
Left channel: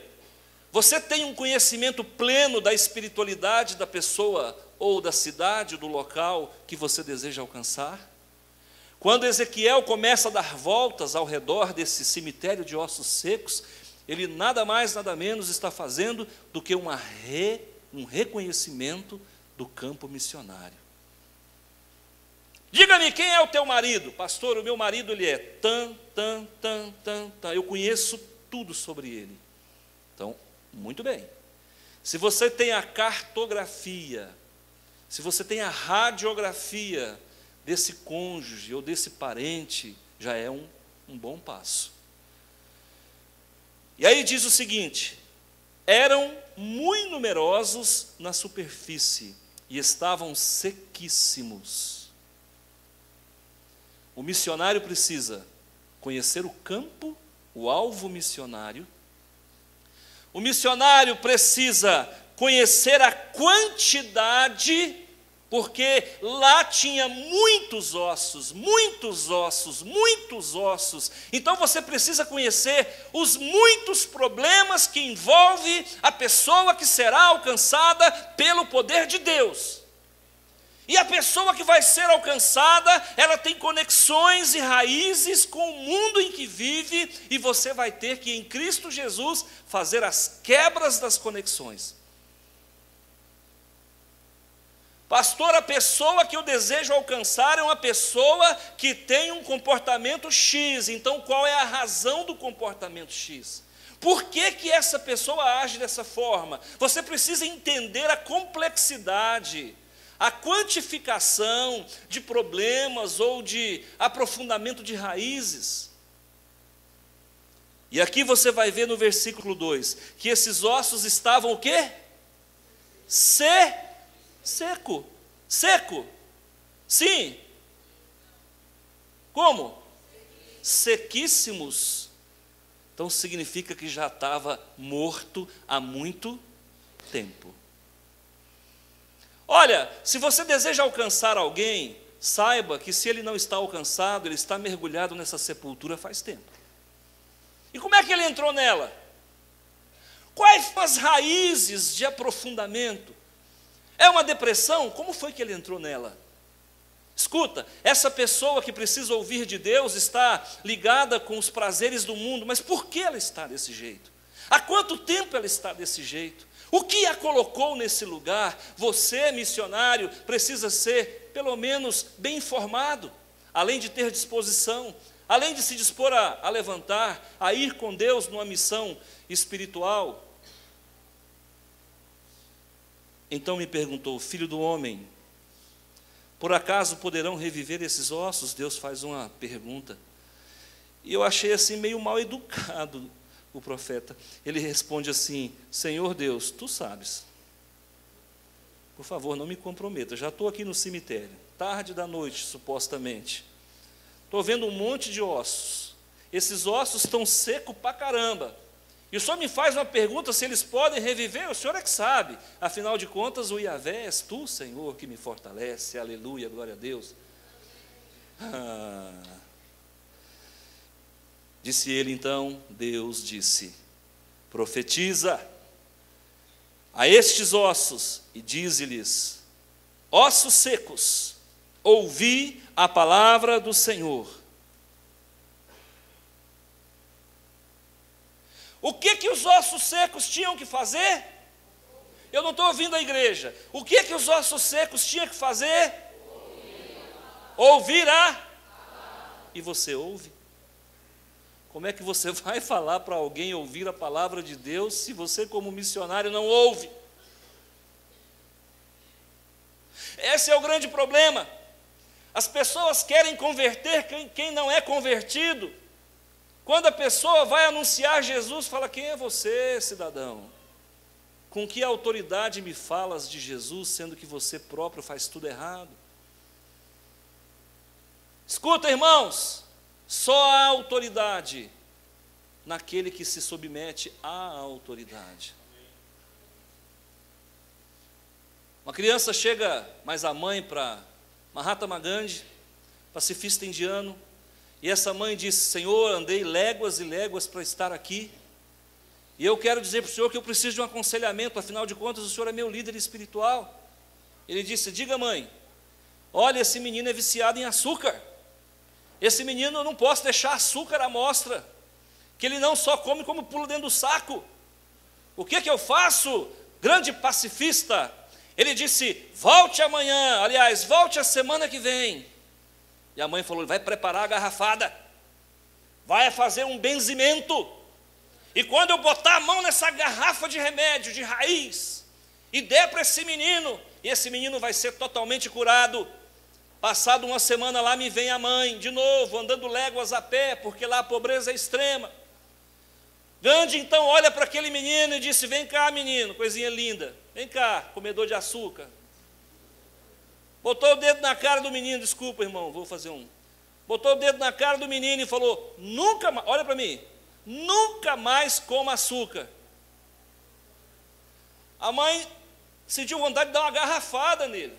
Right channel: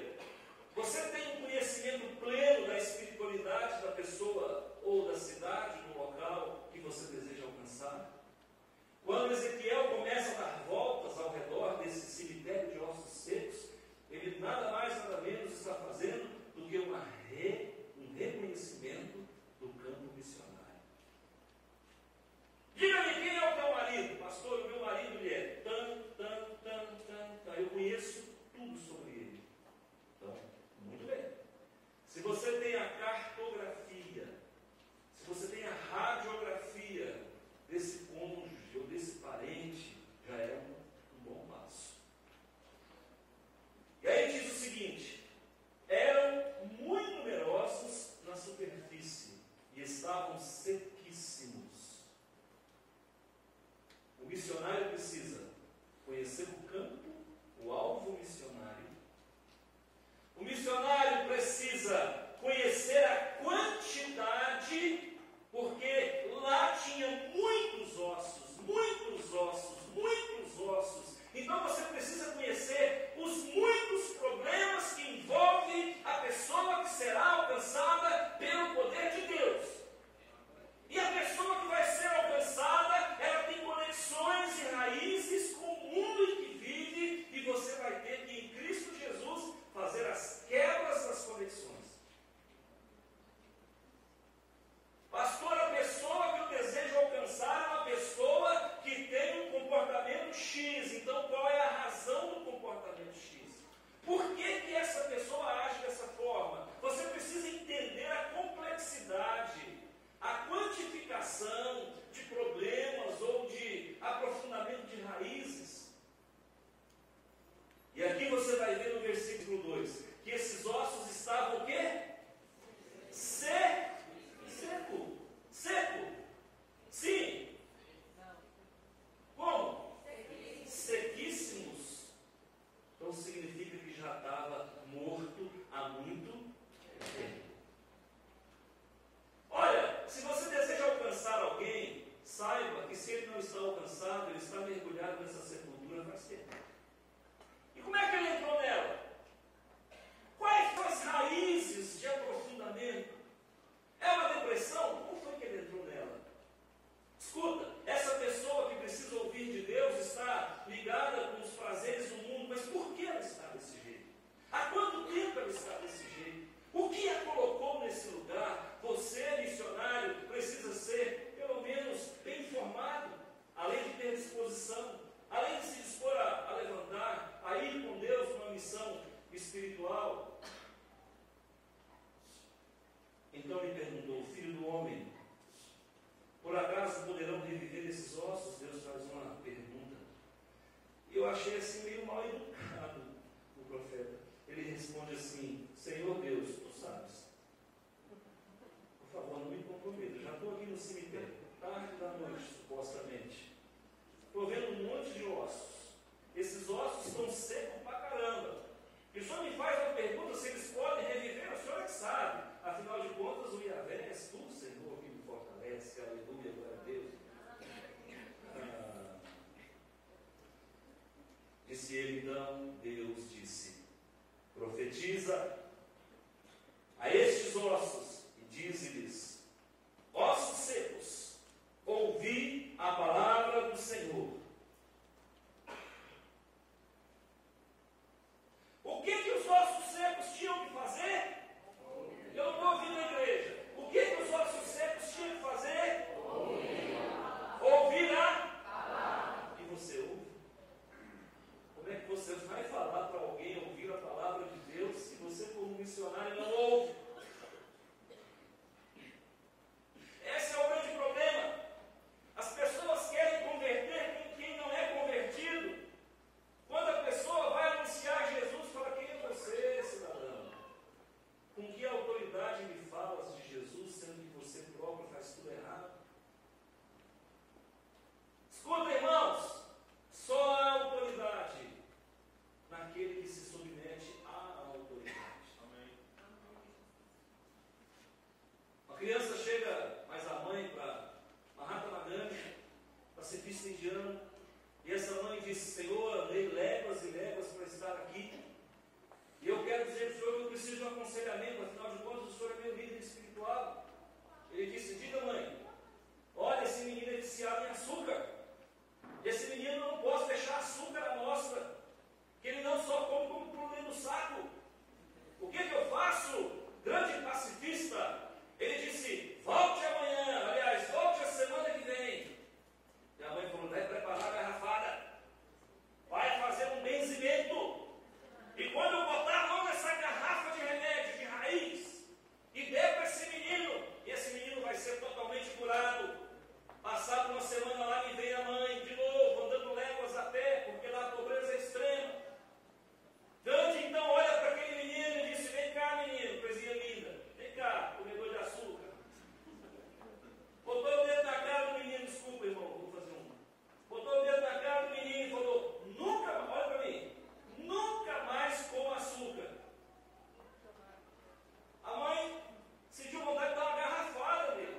você tem um conhecimento pleno da espiritualidade da pessoa ou da cidade, do local que você deseja alcançar? Quando Ezequiel começa a dar voltas ao redor desse cemitério de ossos secos, ele nada mais, nada menos está fazendo do que um reconhecimento do campo missionário. Diga-me, quem é o teu marido? Pastor, o meu marido ele é tan. Eu conheço tudo sobre ele. Então, muito bem. Se você tem a cartografia, se você tem a radiografia desse cônjuge ou desse parente, já é um bom passo. E aí diz o seguinte: eram muito numerosos na superfície e estavam sequíssimos. O missionário precisa conhecer o campo, o alvo missionário. O missionário precisa conhecer a quantidade, porque lá tinha muitos ossos. Então você precisa conhecer os muitos problemas que envolve a pessoa que será alcançada pelo poder de Deus. E a pessoa que vai ser alcançada, ela tem conexões e raízes com o mundo em que vive, e você vai ter que, em Cristo Jesus, fazer as quebras das conexões. Pastor, a pessoa que eu desejo alcançar é uma pessoa que tem um comportamento X. Então, qual é a razão do comportamento X? Por que essa pessoa age dessa forma? Você precisa entender a complexidade, a quantificação de problemas ou de aprofundamento de raízes. E aqui você vai ver no versículo 2, que esses ossos estavam o quê? Seco. Sim. Como? Sequíssimos. Então significa que já estava morto há muito tempo. Olha, se você deseja alcançar alguém, saiba que se ele não está alcançado, ele está mergulhado nessa sepultura faz tempo. E como é que ele entrou nela? Quais são as raízes de aprofundamento? É uma depressão? Como foi que ele entrou nela? Escuta, essa pessoa que precisa ouvir de Deus está ligada com os prazeres do mundo, mas por que ela está desse jeito? Há quanto tempo ela está desse jeito? O que a colocou nesse lugar? Você, missionário, precisa ser, pelo menos, bem informado, além de ter disposição, além de se dispor a levantar, a ir com Deus numa missão espiritual. Então me perguntou: filho do homem, por acaso poderão reviver esses ossos? Deus faz uma pergunta. E eu achei assim meio mal educado o profeta. Ele responde assim: Senhor Deus, tu sabes. Por favor, não me comprometa. Já estou aqui no cemitério, tarde da noite, supostamente. Estou vendo um monte de ossos. Esses ossos estão secos pra caramba. E o Senhor me faz uma pergunta se eles podem reviver, o Senhor é que sabe. Afinal de contas, o Yahvé és tu, Senhor, que me fortalece. Aleluia, glória a Deus. Disse ele então, Deus disse: profetiza a estes ossos e dize-lhes: ossos secos, ouvi a palavra do Senhor. O que os ossos secos tinham que fazer? Eu não estou ouvindo a igreja. O que os ossos secos tinham que fazer? Ouvir a. E você ouve? Como é que você vai falar para alguém ouvir a palavra de Deus se você, como missionário, não ouve? Esse é o grande problema. As pessoas querem converter quem não é convertido. Quando a pessoa vai anunciar Jesus, fala: quem é você, cidadão? Com que autoridade me falas de Jesus, sendo que você próprio faz tudo errado? Escuta, irmãos, só há autoridade naquele que se submete à autoridade. Uma criança chega, mais a mãe, para Mahatma Gandhi, pacifista indiano, e essa mãe disse: Senhor, andei léguas e léguas para estar aqui, e eu quero dizer para o Senhor que eu preciso de um aconselhamento, afinal de contas o Senhor é meu líder espiritual. Ele disse: diga, mãe, olha, esse menino é viciado em açúcar, esse menino eu não posso deixar açúcar à mostra, que ele não só come como pula dentro do saco. O que eu faço, grande pacifista? Ele disse: volte amanhã, aliás, volte a semana que vem. E a mãe falou: vai preparar a garrafada, vai fazer um benzimento, e quando eu botar a mão nessa garrafa de remédio, de raiz, e der para esse menino, e esse menino vai ser totalmente curado. Passado uma semana lá me vem a mãe, de novo, andando léguas a pé, porque lá a pobreza é extrema. Gandhi então olha para aquele menino e disse: vem cá, menino, coisinha linda, vem cá, comedor de açúcar. Botou o dedo na cara do menino, desculpa, irmão, vou fazer um. Botou o dedo na cara do menino e falou: nunca mais, olha para mim, nunca mais coma açúcar. A mãe sentiu vontade de dar uma garrafada nele.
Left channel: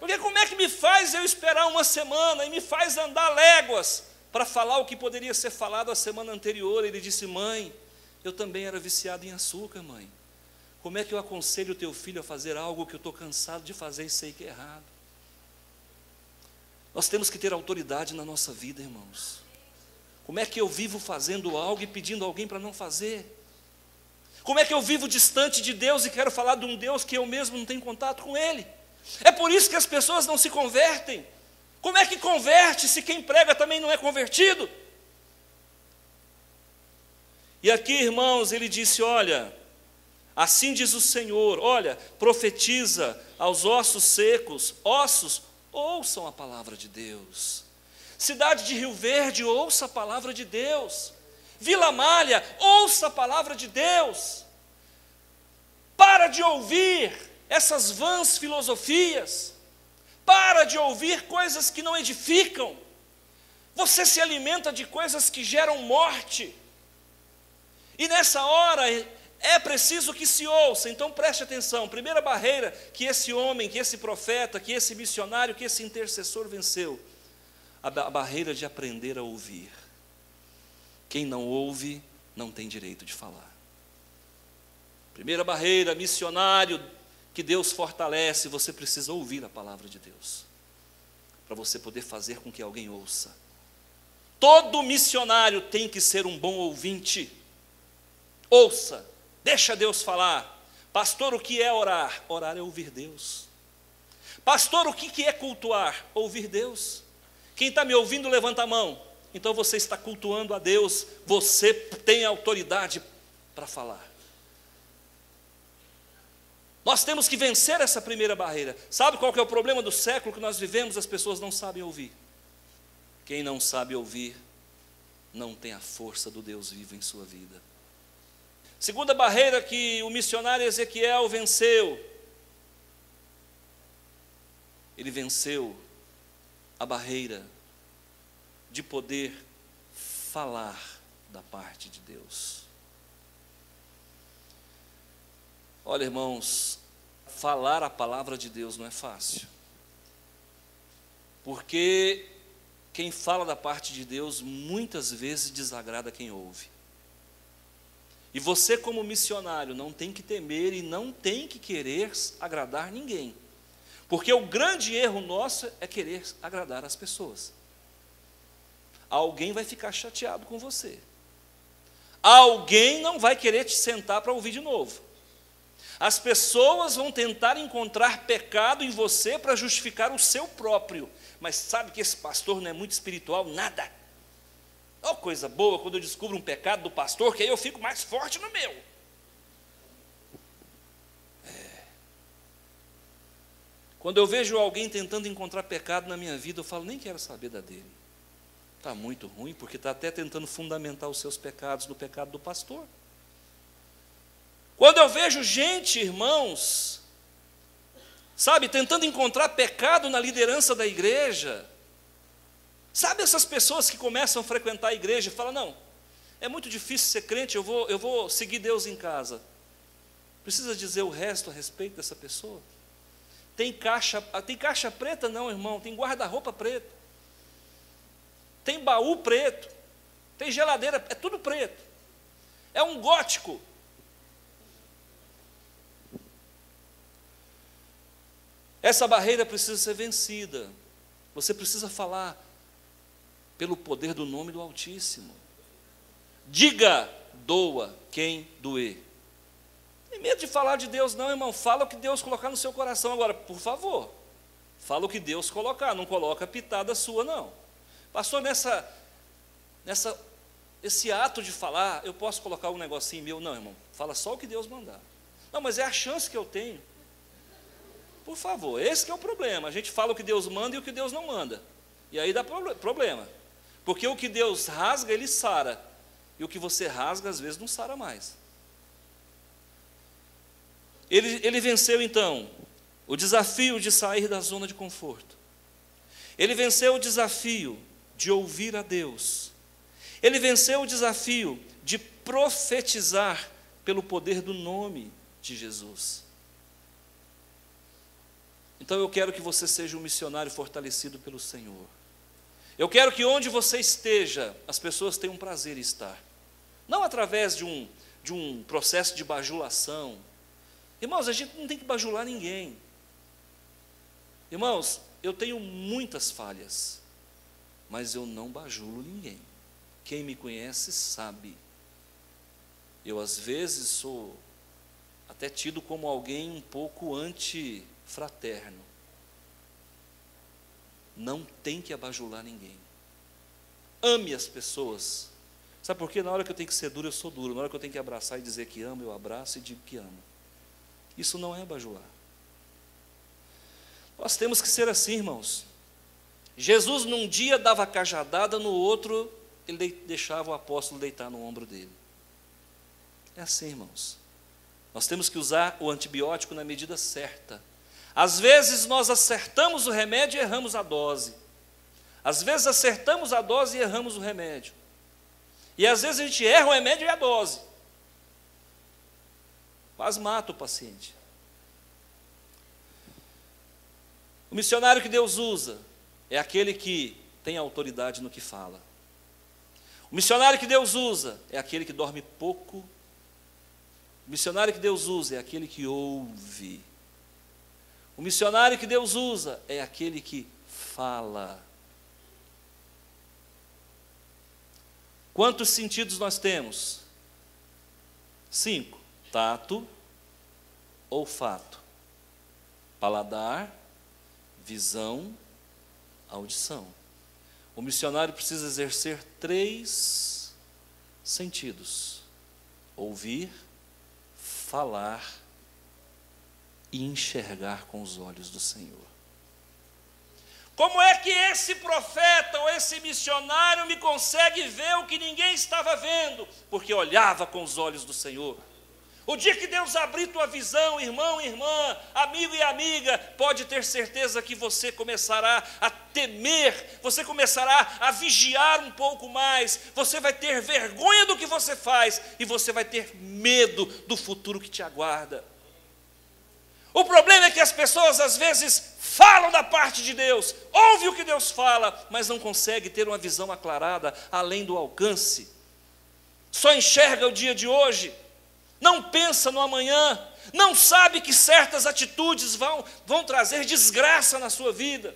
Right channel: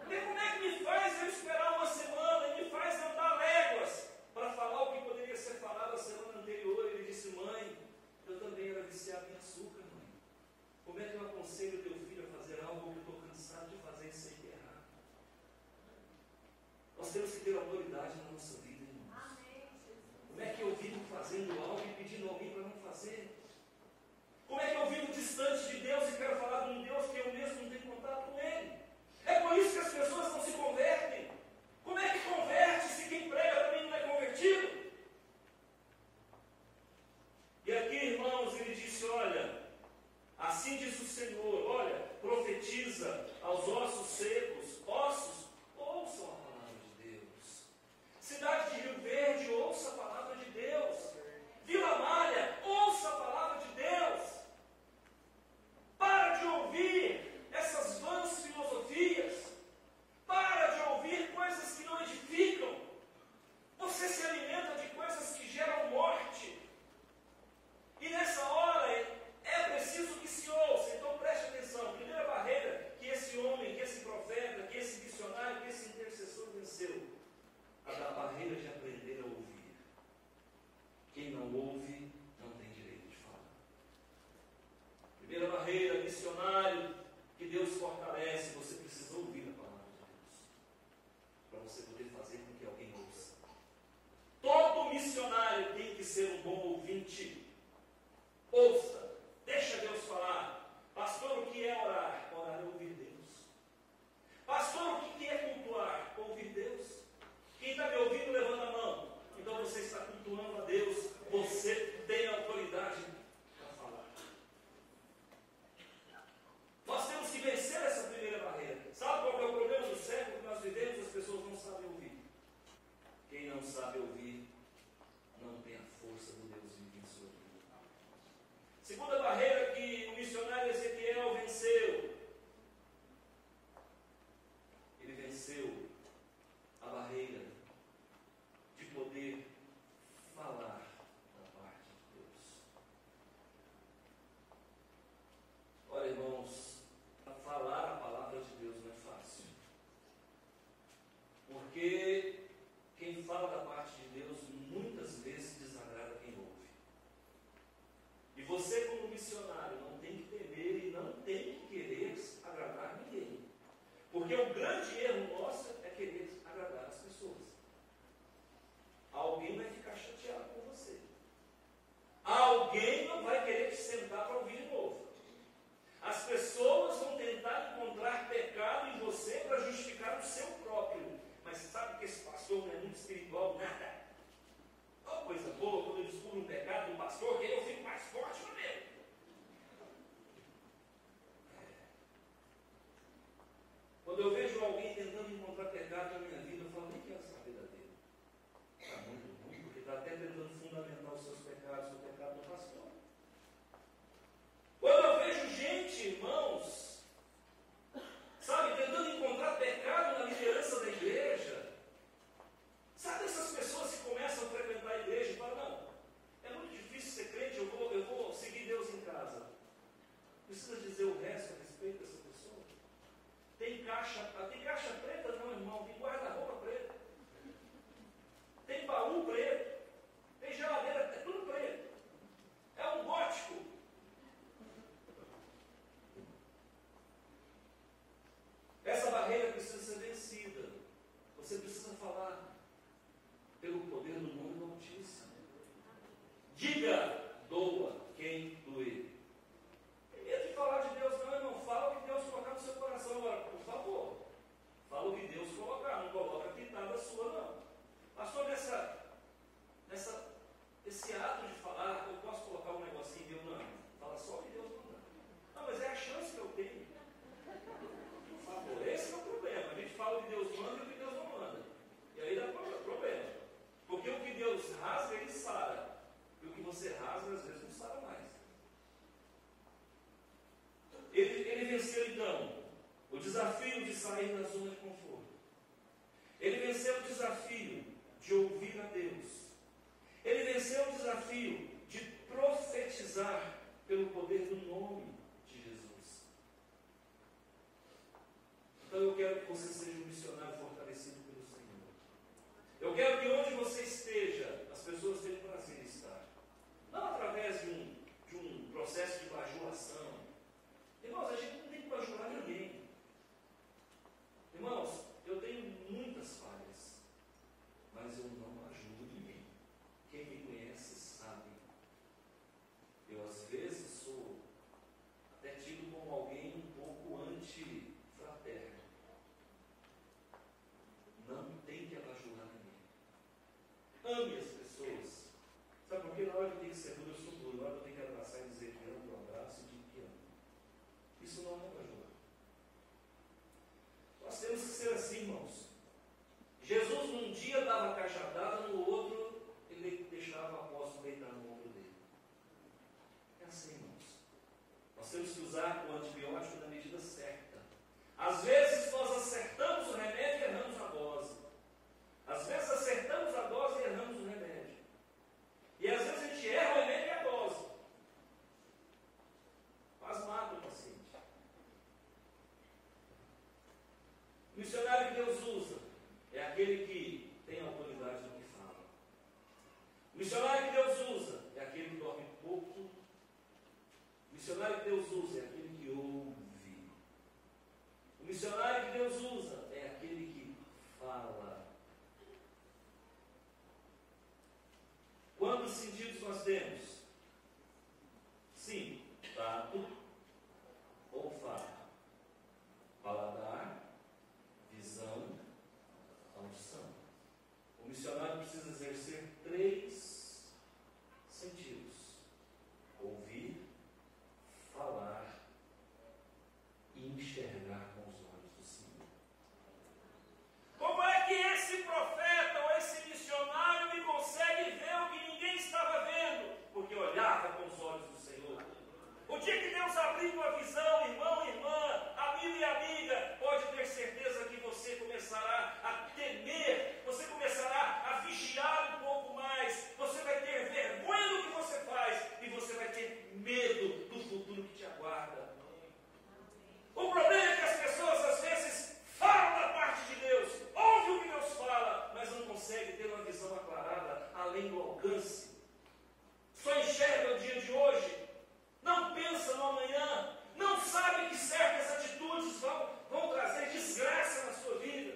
Porque como é que me faz eu esperar uma semana e me faz andar léguas para falar o que poderia ser falado a semana anterior? Ele disse: mãe, eu também era viciado em açúcar, mãe. Como é que eu aconselho o teu filho a fazer algo que eu estou cansado de fazer e sei que é errado? Nós temos que ter autoridade na nossa vida, irmãos. Como é que eu vivo fazendo algo e pedindo alguém para não fazer? Como é que eu vivo distante de Deus e quero falar de um Deus que eu mesmo não tenho contato com Ele? É por isso que as pessoas não se convertem. Como é que converte se quem prega também não é convertido? E aqui, irmãos, ele disse: olha, assim diz o Senhor, olha, profetiza aos ossos secos: ossos, ouçam a palavra de Deus. Cidade de Rio Verde, ouça a palavra de Deus. Vila Malha, ouça a palavra de Deus. Para de ouvir essas vãs filosofias. Para de ouvir coisas que não edificam. Você se alimenta de coisas que geram morte. E nessa hora é preciso que se ouça. Então preste atenção. Primeira barreira que esse homem, que esse profeta, que esse missionário, que esse intercessor venceu: a barreira de aprender a ouvir. Quem não ouve não tem direito de falar. Primeira barreira, missionário, que Deus fortalece, você precisa ouvir a palavra de Deus. para você poder fazer com que alguém ouça. Todo missionário tem que ser um bom ouvinte. Ouça, deixa Deus falar. Pastor, o que é orar? Orar é ouvir Deus. Pastor, o que é cultuar? Ouvir Deus. Quem está me ouvindo, levanta a mão. Então você está cultuando a Deus, você tem autoridade para falar. Nós temos que vencer essa primeira barreira. Sabe qual que é o problema do século que nós vivemos? As pessoas não sabem ouvir. Quem não sabe ouvir, não tem a força do Deus vivo em sua vida. Segunda barreira que o missionário Ezequiel venceu. Ele venceu a barreira de poder falar da parte de Deus. Olha, irmãos, falar a palavra de Deus não é fácil. Porque quem fala da parte de Deus muitas vezes desagrada quem ouve. E você, como missionário, não tem que temer e não tem que querer agradar ninguém. Porque o grande erro nosso é querer agradar as pessoas. Alguém vai ficar chateado com você. Alguém não vai querer te sentar para ouvir de novo. As pessoas vão tentar encontrar pecado em você para justificar o seu próprio. Mas sabe que esse pastor não é muito espiritual? Nada. Oh, coisa boa quando eu descubro um pecado do pastor, que aí eu fico mais forte no meu. Quando eu vejo alguém tentando encontrar pecado na minha vida, eu falo, nem quero saber da dele. Está muito ruim, porque está até tentando fundamentar os seus pecados no pecado do pastor. Quando eu vejo gente, irmãos, sabe, tentando encontrar pecado na liderança da igreja, sabe essas pessoas que começam a frequentar a igreja e falam, não, é muito difícil ser crente, eu vou seguir Deus em casa. Precisa dizer o resto a respeito dessa pessoa? Tem caixa preta? Não, irmão, tem guarda-roupa preto. Tem baú preto. Tem geladeira, é tudo preto. É um gótico. Essa barreira precisa ser vencida. Você precisa falar pelo poder do nome do Altíssimo. Diga, doa quem doer. Tem medo de falar de Deus não, irmão. Fala o que Deus colocar no seu coração. Agora, por favor, fala o que Deus colocar. Não coloca pitada sua, não. Pastor, esse ato de falar, eu posso colocar um negocinho meu? Não, irmão. Fala só o que Deus mandar. Não, mas é a chance que eu tenho. Por favor, esse que é o problema. A gente fala o que Deus manda e o que Deus não manda. E aí dá problema. Porque o que Deus rasga, Ele sara. E o que você rasga, às vezes, não sara mais. Ele venceu, então, o desafio de sair da zona de conforto. Ele venceu o desafio de ouvir a Deus. Ele venceu o desafio de profetizar pelo poder do nome de Jesus. Então eu quero que você seja um missionário fortalecido pelo Senhor. Eu quero que onde você esteja, as pessoas tenham prazer em estar. Não através de um processo de bajulação. Irmãos, a gente não tem que bajular ninguém. Irmãos, eu tenho muitas falhas, mas eu não bajulo ninguém. Quem me conhece sabe. Eu às vezes sou até tido como alguém um pouco antifraterno. Não tem que abajular ninguém. Ame as pessoas. Sabe por quê? Na hora que eu tenho que ser duro, eu sou duro. Na hora que eu tenho que abraçar e dizer que amo, eu abraço e digo que amo. Isso não é abajular. Nós temos que ser assim, irmãos. Jesus num dia dava cajadada, no outro ele deixava o apóstolo deitar no ombro dele. É assim, irmãos. Nós temos que usar o antibiótico na medida certa. Às vezes nós acertamos o remédio e erramos a dose. Às vezes acertamos a dose e erramos o remédio. E às vezes a gente erra o remédio e a dose. Quase mata o paciente. O missionário que Deus usa é aquele que tem autoridade no que fala. O missionário que Deus usa é aquele que dorme pouco. O missionário que Deus usa é aquele que ouve. O missionário que Deus usa é aquele que fala. Quantos sentidos nós temos? 5. Tato, olfato, paladar, visão, audição. O missionário precisa exercer 3 sentidos: ouvir, falar e enxergar com os olhos do Senhor. Como é que esse profeta ou esse missionário me consegue ver o que ninguém estava vendo? Porque olhava com os olhos do Senhor. O dia que Deus abrir tua visão, irmão, irmã, amigo e amiga, pode ter certeza que você começará a temer, você começará a vigiar um pouco mais, você vai ter vergonha do que você faz e você vai ter medo do futuro que te aguarda. O problema é que as pessoas às vezes falam da parte de Deus, ouvem o que Deus fala, mas não conseguem ter uma visão aclarada além do alcance. Só enxerga o dia de hoje, não pensa no amanhã, não sabe que certas atitudes vão trazer desgraça na sua vida.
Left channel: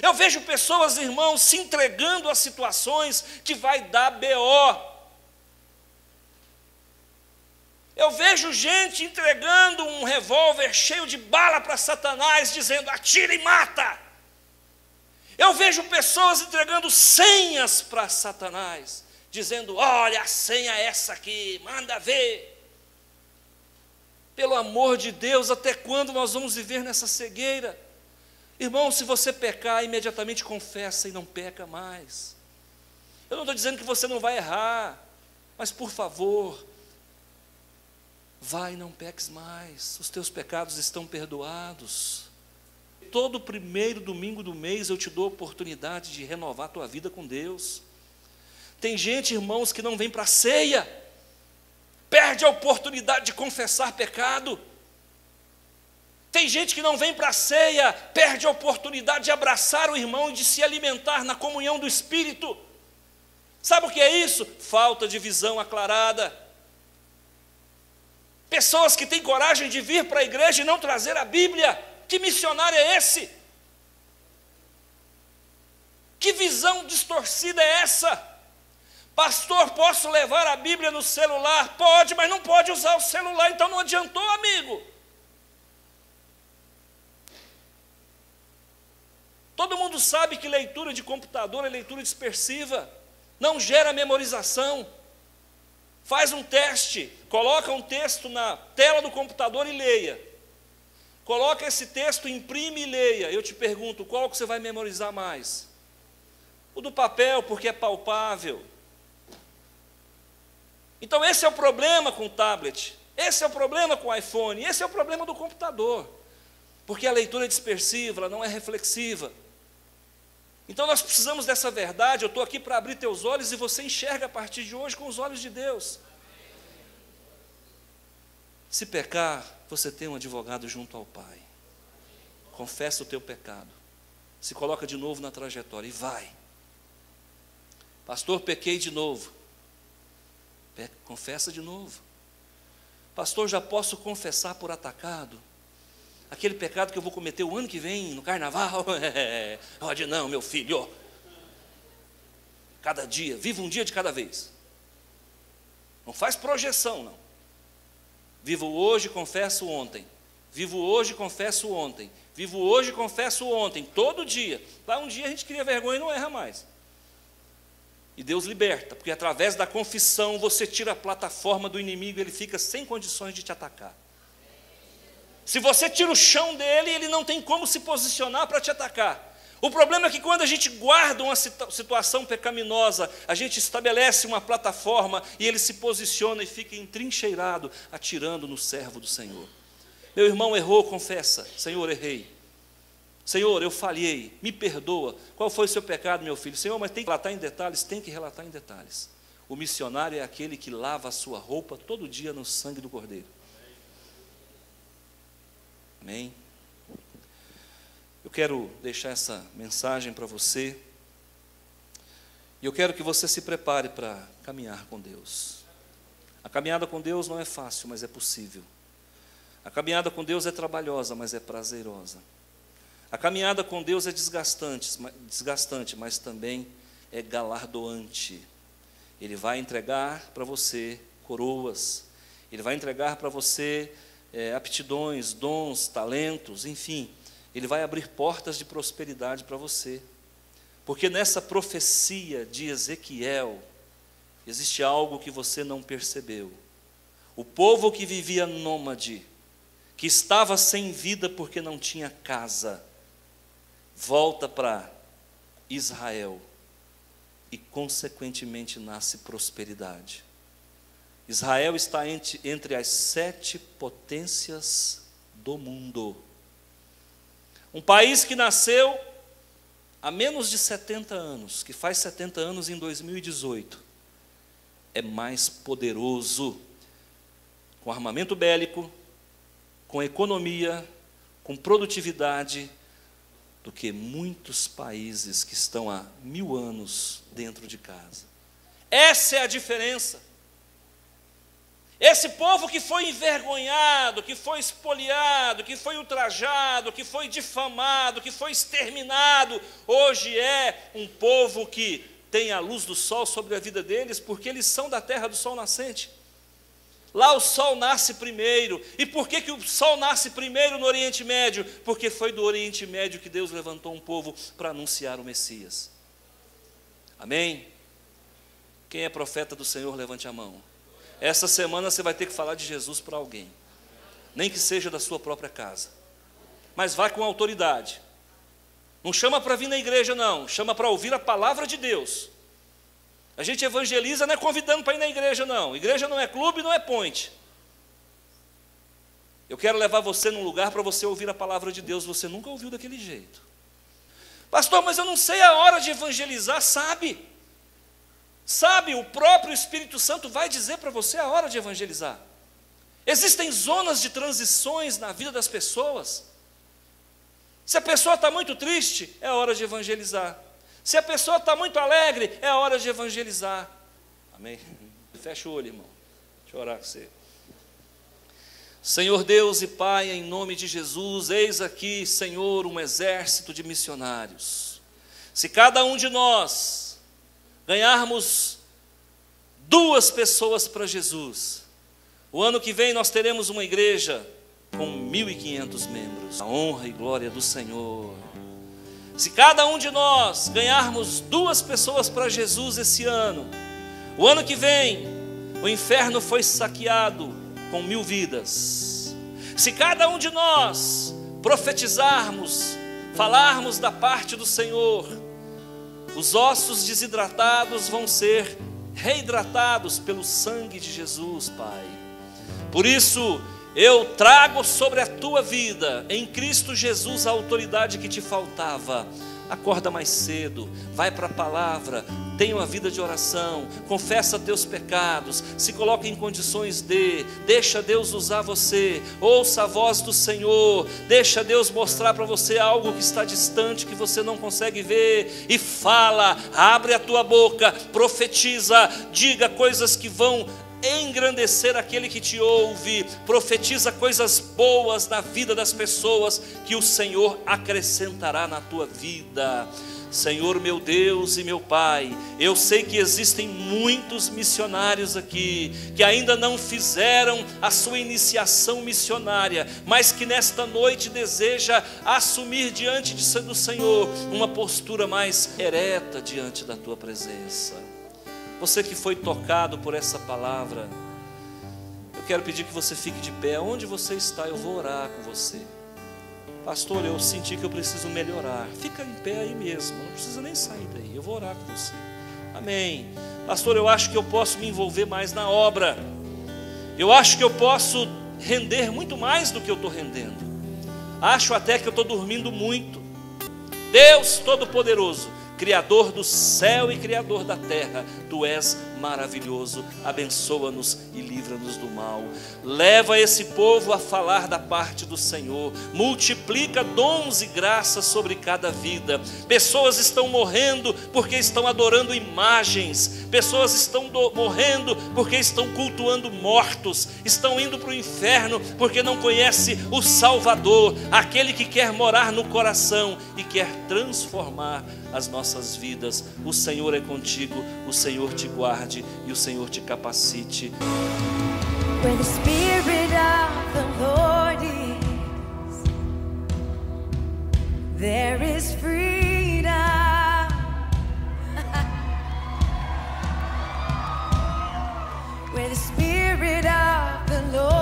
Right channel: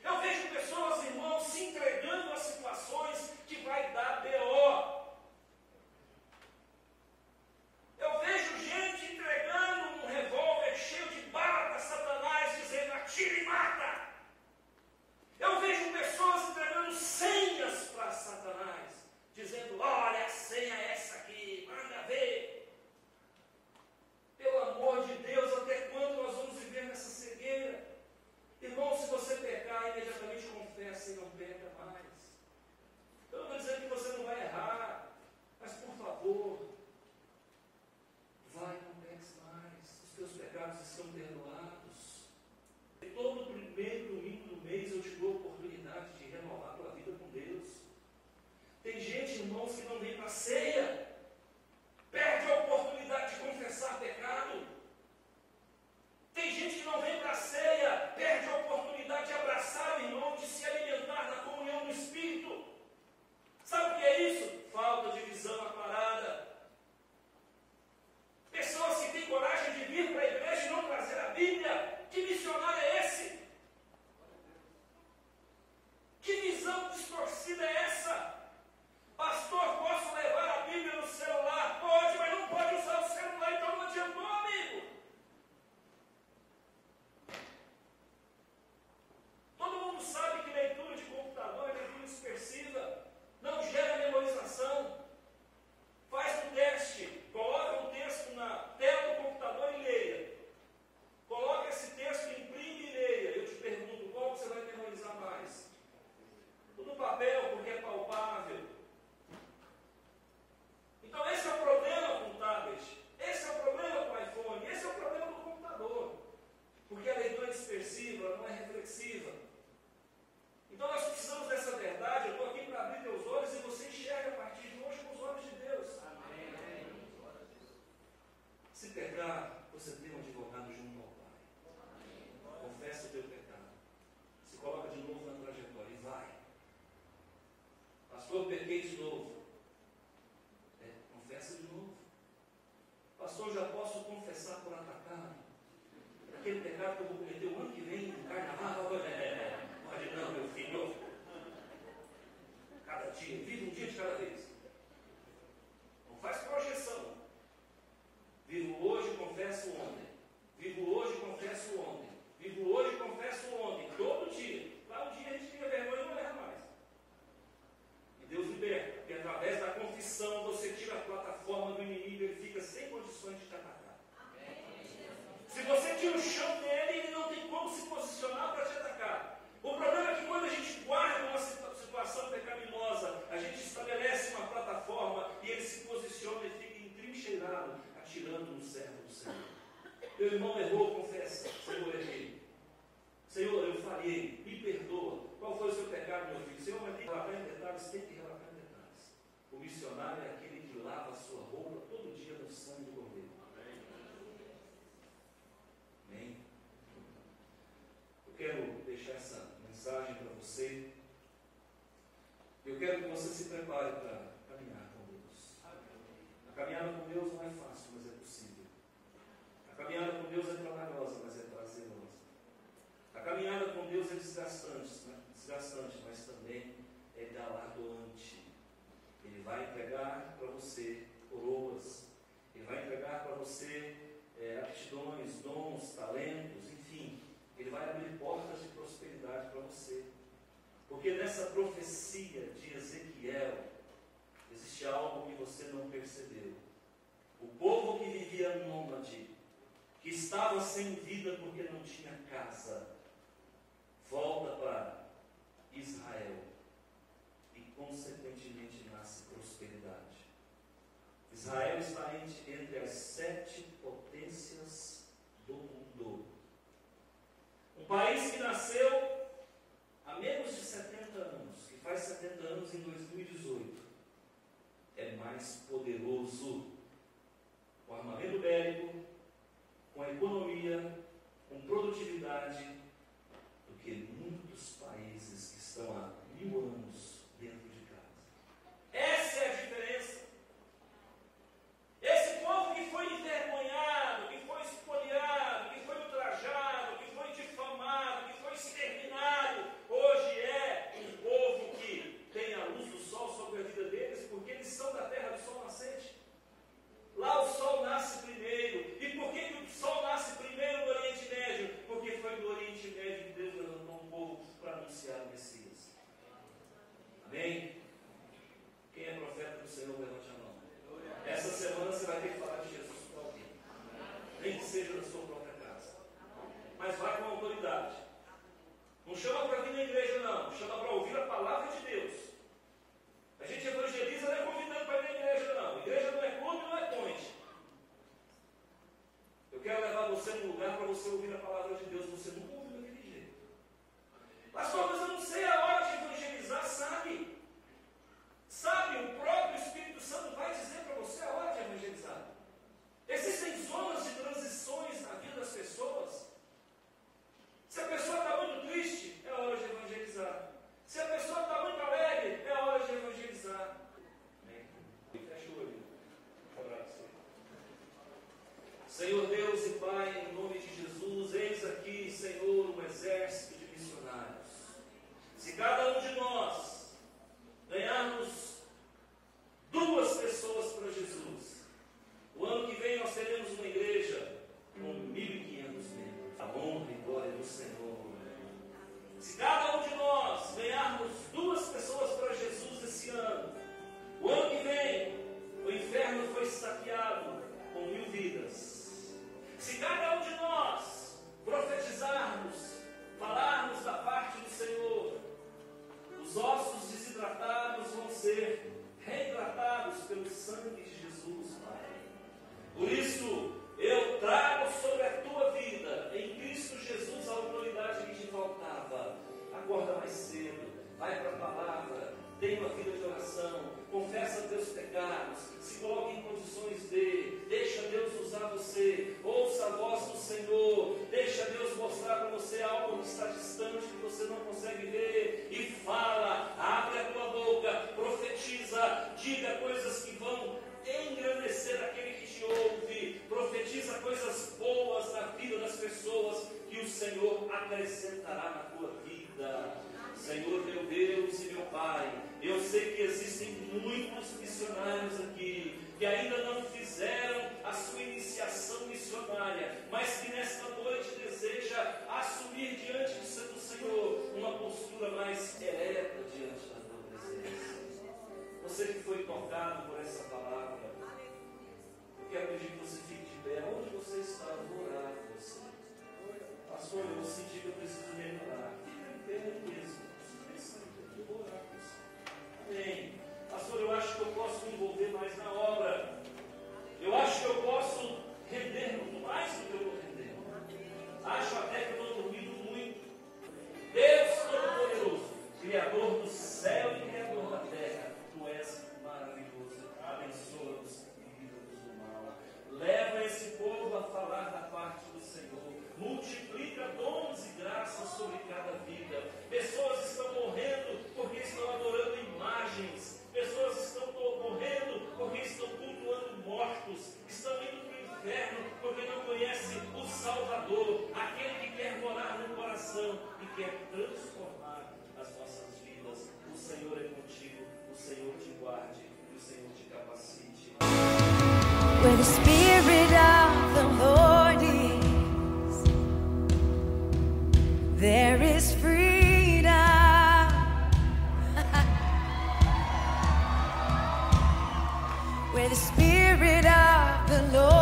Eu vejo pessoas, irmãos, se entregando a situações que vai dar BO. Eu vejo gente entregando um revólver cheio de bala para Satanás, dizendo: atira e mata. Eu vejo pessoas entregando senhas para Satanás, dizendo: olha, a senha é essa aqui, manda ver. Pelo amor de Deus, até quando nós vamos viver nessa cegueira? Irmão, se você pecar, imediatamente confessa e não peca mais. Eu não estou dizendo que você não vai errar, mas por favor, vai e não peques mais, os teus pecados estão perdoados. Todo primeiro domingo do mês eu te dou a oportunidade de renovar a tua vida com Deus. Tem gente, irmãos, que não vem para a ceia, perde a oportunidade de confessar pecado. Tem gente que não vem para a ceia, perde a oportunidade de abraçar o irmão e de se alimentar na comunhão do Espírito. Sabe o que é isso? Falta de visão aclarada. Pessoas que têm coragem de vir para a igreja e não trazer a Bíblia. Que missionário é esse? Que visão distorcida é essa? Pastor, posso levar a Bíblia no celular? Pode, mas não pode usar o celular, então não adiantou, amigo. Todo mundo sabe que leitura de computador é leitura dispersiva, não gera memorização. Faz um teste, coloca um texto na tela do computador e leia. Coloca esse texto, imprime e leia. Eu te pergunto, qual que você vai memorizar mais? O do papel, porque é palpável. Então esse é o problema com o tablet, esse é o problema com o iPhone, esse é o problema do computador. Porque a leitura é dispersiva, ela não é reflexiva. Então nós precisamos dessa verdade. Eu estou aqui para abrir teus olhos e você enxerga a partir de hoje com os olhos de Deus. Se pecar, você tem um advogado junto ao Pai. Confessa o teu pecado. Se coloca de novo na trajetória e vai. Pastor, pequei de novo. Confessa de novo. Pastor, já posso confessar por atacado? Aquele pecado que eu vou cometer o ano que vem, no carnaval? Pode não, meu filho. Cada dia, viva um dia de cada vez. Não faz projeção, não. Vivo hoje, confesso ontem. Vivo hoje, confesso ontem. Vivo hoje, confesso ontem. Todo dia. Lá um dia a gente cria vergonha e não erra mais. E Deus liberta, porque através da confissão você tira a plataforma do inimigo, ele fica sem condições de te atacar. Se você tira o chão dele, ele não tem como se posicionar para te atacar. O problema é que quando a gente guarda uma situação pecaminosa, a gente estabelece uma plataforma e ele se posiciona e fica entrincheirado, atirando no servo do Senhor. Meu irmão errou, confessa: Senhor, errei. Senhor, eu falhei, me perdoa. Qual foi o seu pecado, meu filho? Senhor, mas tem que relatar em detalhes? Tem que relatar em detalhes. O missionário é aquele que lava a sua roupa todo dia no sangue do Cordeiro. Amém? Eu quero deixar essa mensagem para você. E eu quero que você se prepare para caminhar com Deus. A caminhada com Deus não é fácil, mas é possível. A caminhada com Deus é trabalhosa, mas é prazerosa. A caminhada com Deus é desgastante, mas também é galardoante. Ele vai entregar para você coroas, Ele vai entregar para você aptidões, dons, talentos, enfim, Ele vai abrir portas de prosperidade para você. Porque nessa profecia de Ezequiel, existe algo que você não percebeu. O povo que vivia nômade, que estava sem vida porque não tinha casa, volta para Israel e consequentemente nasce prosperidade. Israel está entre as 7 potências do mundo. Um país que nasceu há menos de 70 anos, que faz 70 anos em 2018, é mais poderoso com armamento bélico, com economia, com produtividade, do que muitos países que estão há 1000 anos dentro de casa. Essa é a diferença. Esse povo que foi envergonhado, que foi espoliado, que foi ultrajado, que foi difamado, que foi exterminado, hoje é um povo que tem a luz do sol sobre a vida deles, porque eles são da terra do sol nascente. Lá o sol nasce primeiro. E por que o sol nasce primeiro no Oriente Médio? Porque foi do Oriente Médio que Deus levantou um povo para anunciar o Messias. Amém? Quem é profeta do Senhor, levante a mão. Essa semana você vai ter que falar de Jesus para alguém, nem que seja da sua própria casa, mas vai com autoridade. Não chama para vir na igreja não, chama para ouvir a palavra de Deus. A gente evangeliza não é convidando para ir na igreja não, igreja não é clube, não é ponte. Eu quero levar você num lugar para você ouvir a palavra de Deus. Você nunca ouviu daquele jeito. Pastor, mas eu não sei a hora de evangelizar. Sabe, o próprio Espírito Santo vai dizer para você a hora de evangelizar. Existem zonas de transições na vida das pessoas. Se a pessoa está muito triste, é hora de evangelizar. Se a pessoa está muito alegre, é hora de evangelizar. Amém? Fecha o olho, irmão. Deixa eu orar com você. Senhor Deus e Pai, em nome de Jesus, eis aqui, Senhor, um exército de missionários. Se cada um de nós ganharmos 2 pessoas para Jesus, o ano que vem nós teremos uma igreja com 1.500 membros. A honra e glória do Senhor. Se cada um de nós ganharmos 2 pessoas para Jesus esse ano, o ano que vem o inferno foi saqueado com 1000 vidas. Se cada um de nós profetizarmos, falarmos da parte do Senhor, os ossos desidratados vão ser reidratados pelo sangue de Jesus, Pai. Por isso, eu trago sobre a tua vida, em Cristo Jesus, a autoridade que te faltava. Acorda mais cedo, vai para a palavra, tenha uma vida de oração, confessa teus pecados, se coloca em condições deixa Deus usar você, ouça a voz do Senhor, deixa Deus mostrar para você algo que está distante, que você não consegue ver, e fala, abre a tua boca, profetiza, diga coisas que vão engrandecer aquele que te ouve, profetiza coisas boas na vida das pessoas, que o Senhor acrescentará na tua vida. Senhor meu Deus e meu Pai, eu sei que existem muitos missionários aqui, que ainda não fizeram a sua iniciação missionária, mas que nesta noite deseja assumir diante do Senhor, uma postura mais ereta diante da tua presença. Você que foi tocado por essa palavra, eu quero pedir que você fique de pé. Onde você está, eu vou orar com você. Pastor, eu senti que eu preciso melhorar. Fica em pé aí mesmo, não precisa nem sair daí, eu vou orar com você. Amém. Pastor, eu acho que eu posso me envolver mais na obra. Eu acho que eu posso render muito mais do que eu estou rendendo. Acho até que eu estou dormindo muito. Deus Todo-Poderoso, Criador do céu e Criador da terra, Tu és maravilhoso. Abençoa-nos e livra-nos do mal. Leva esse povo a falar da parte do Senhor. Multiplica dons e graças sobre cada vida. Pessoas estão morrendo porque estão adorando imagens. Pessoas estão morrendo porque estão cultuando mortos. Estão indo para o inferno porque não conhece o Salvador, aquele que quer morar no coração e quer transformar as nossas vidas. O Senhor é contigo, o Senhor te guarde e o Senhor te capacite. Where the Spirit of the Lord is, there is freedom. Where the Spirit of the Lord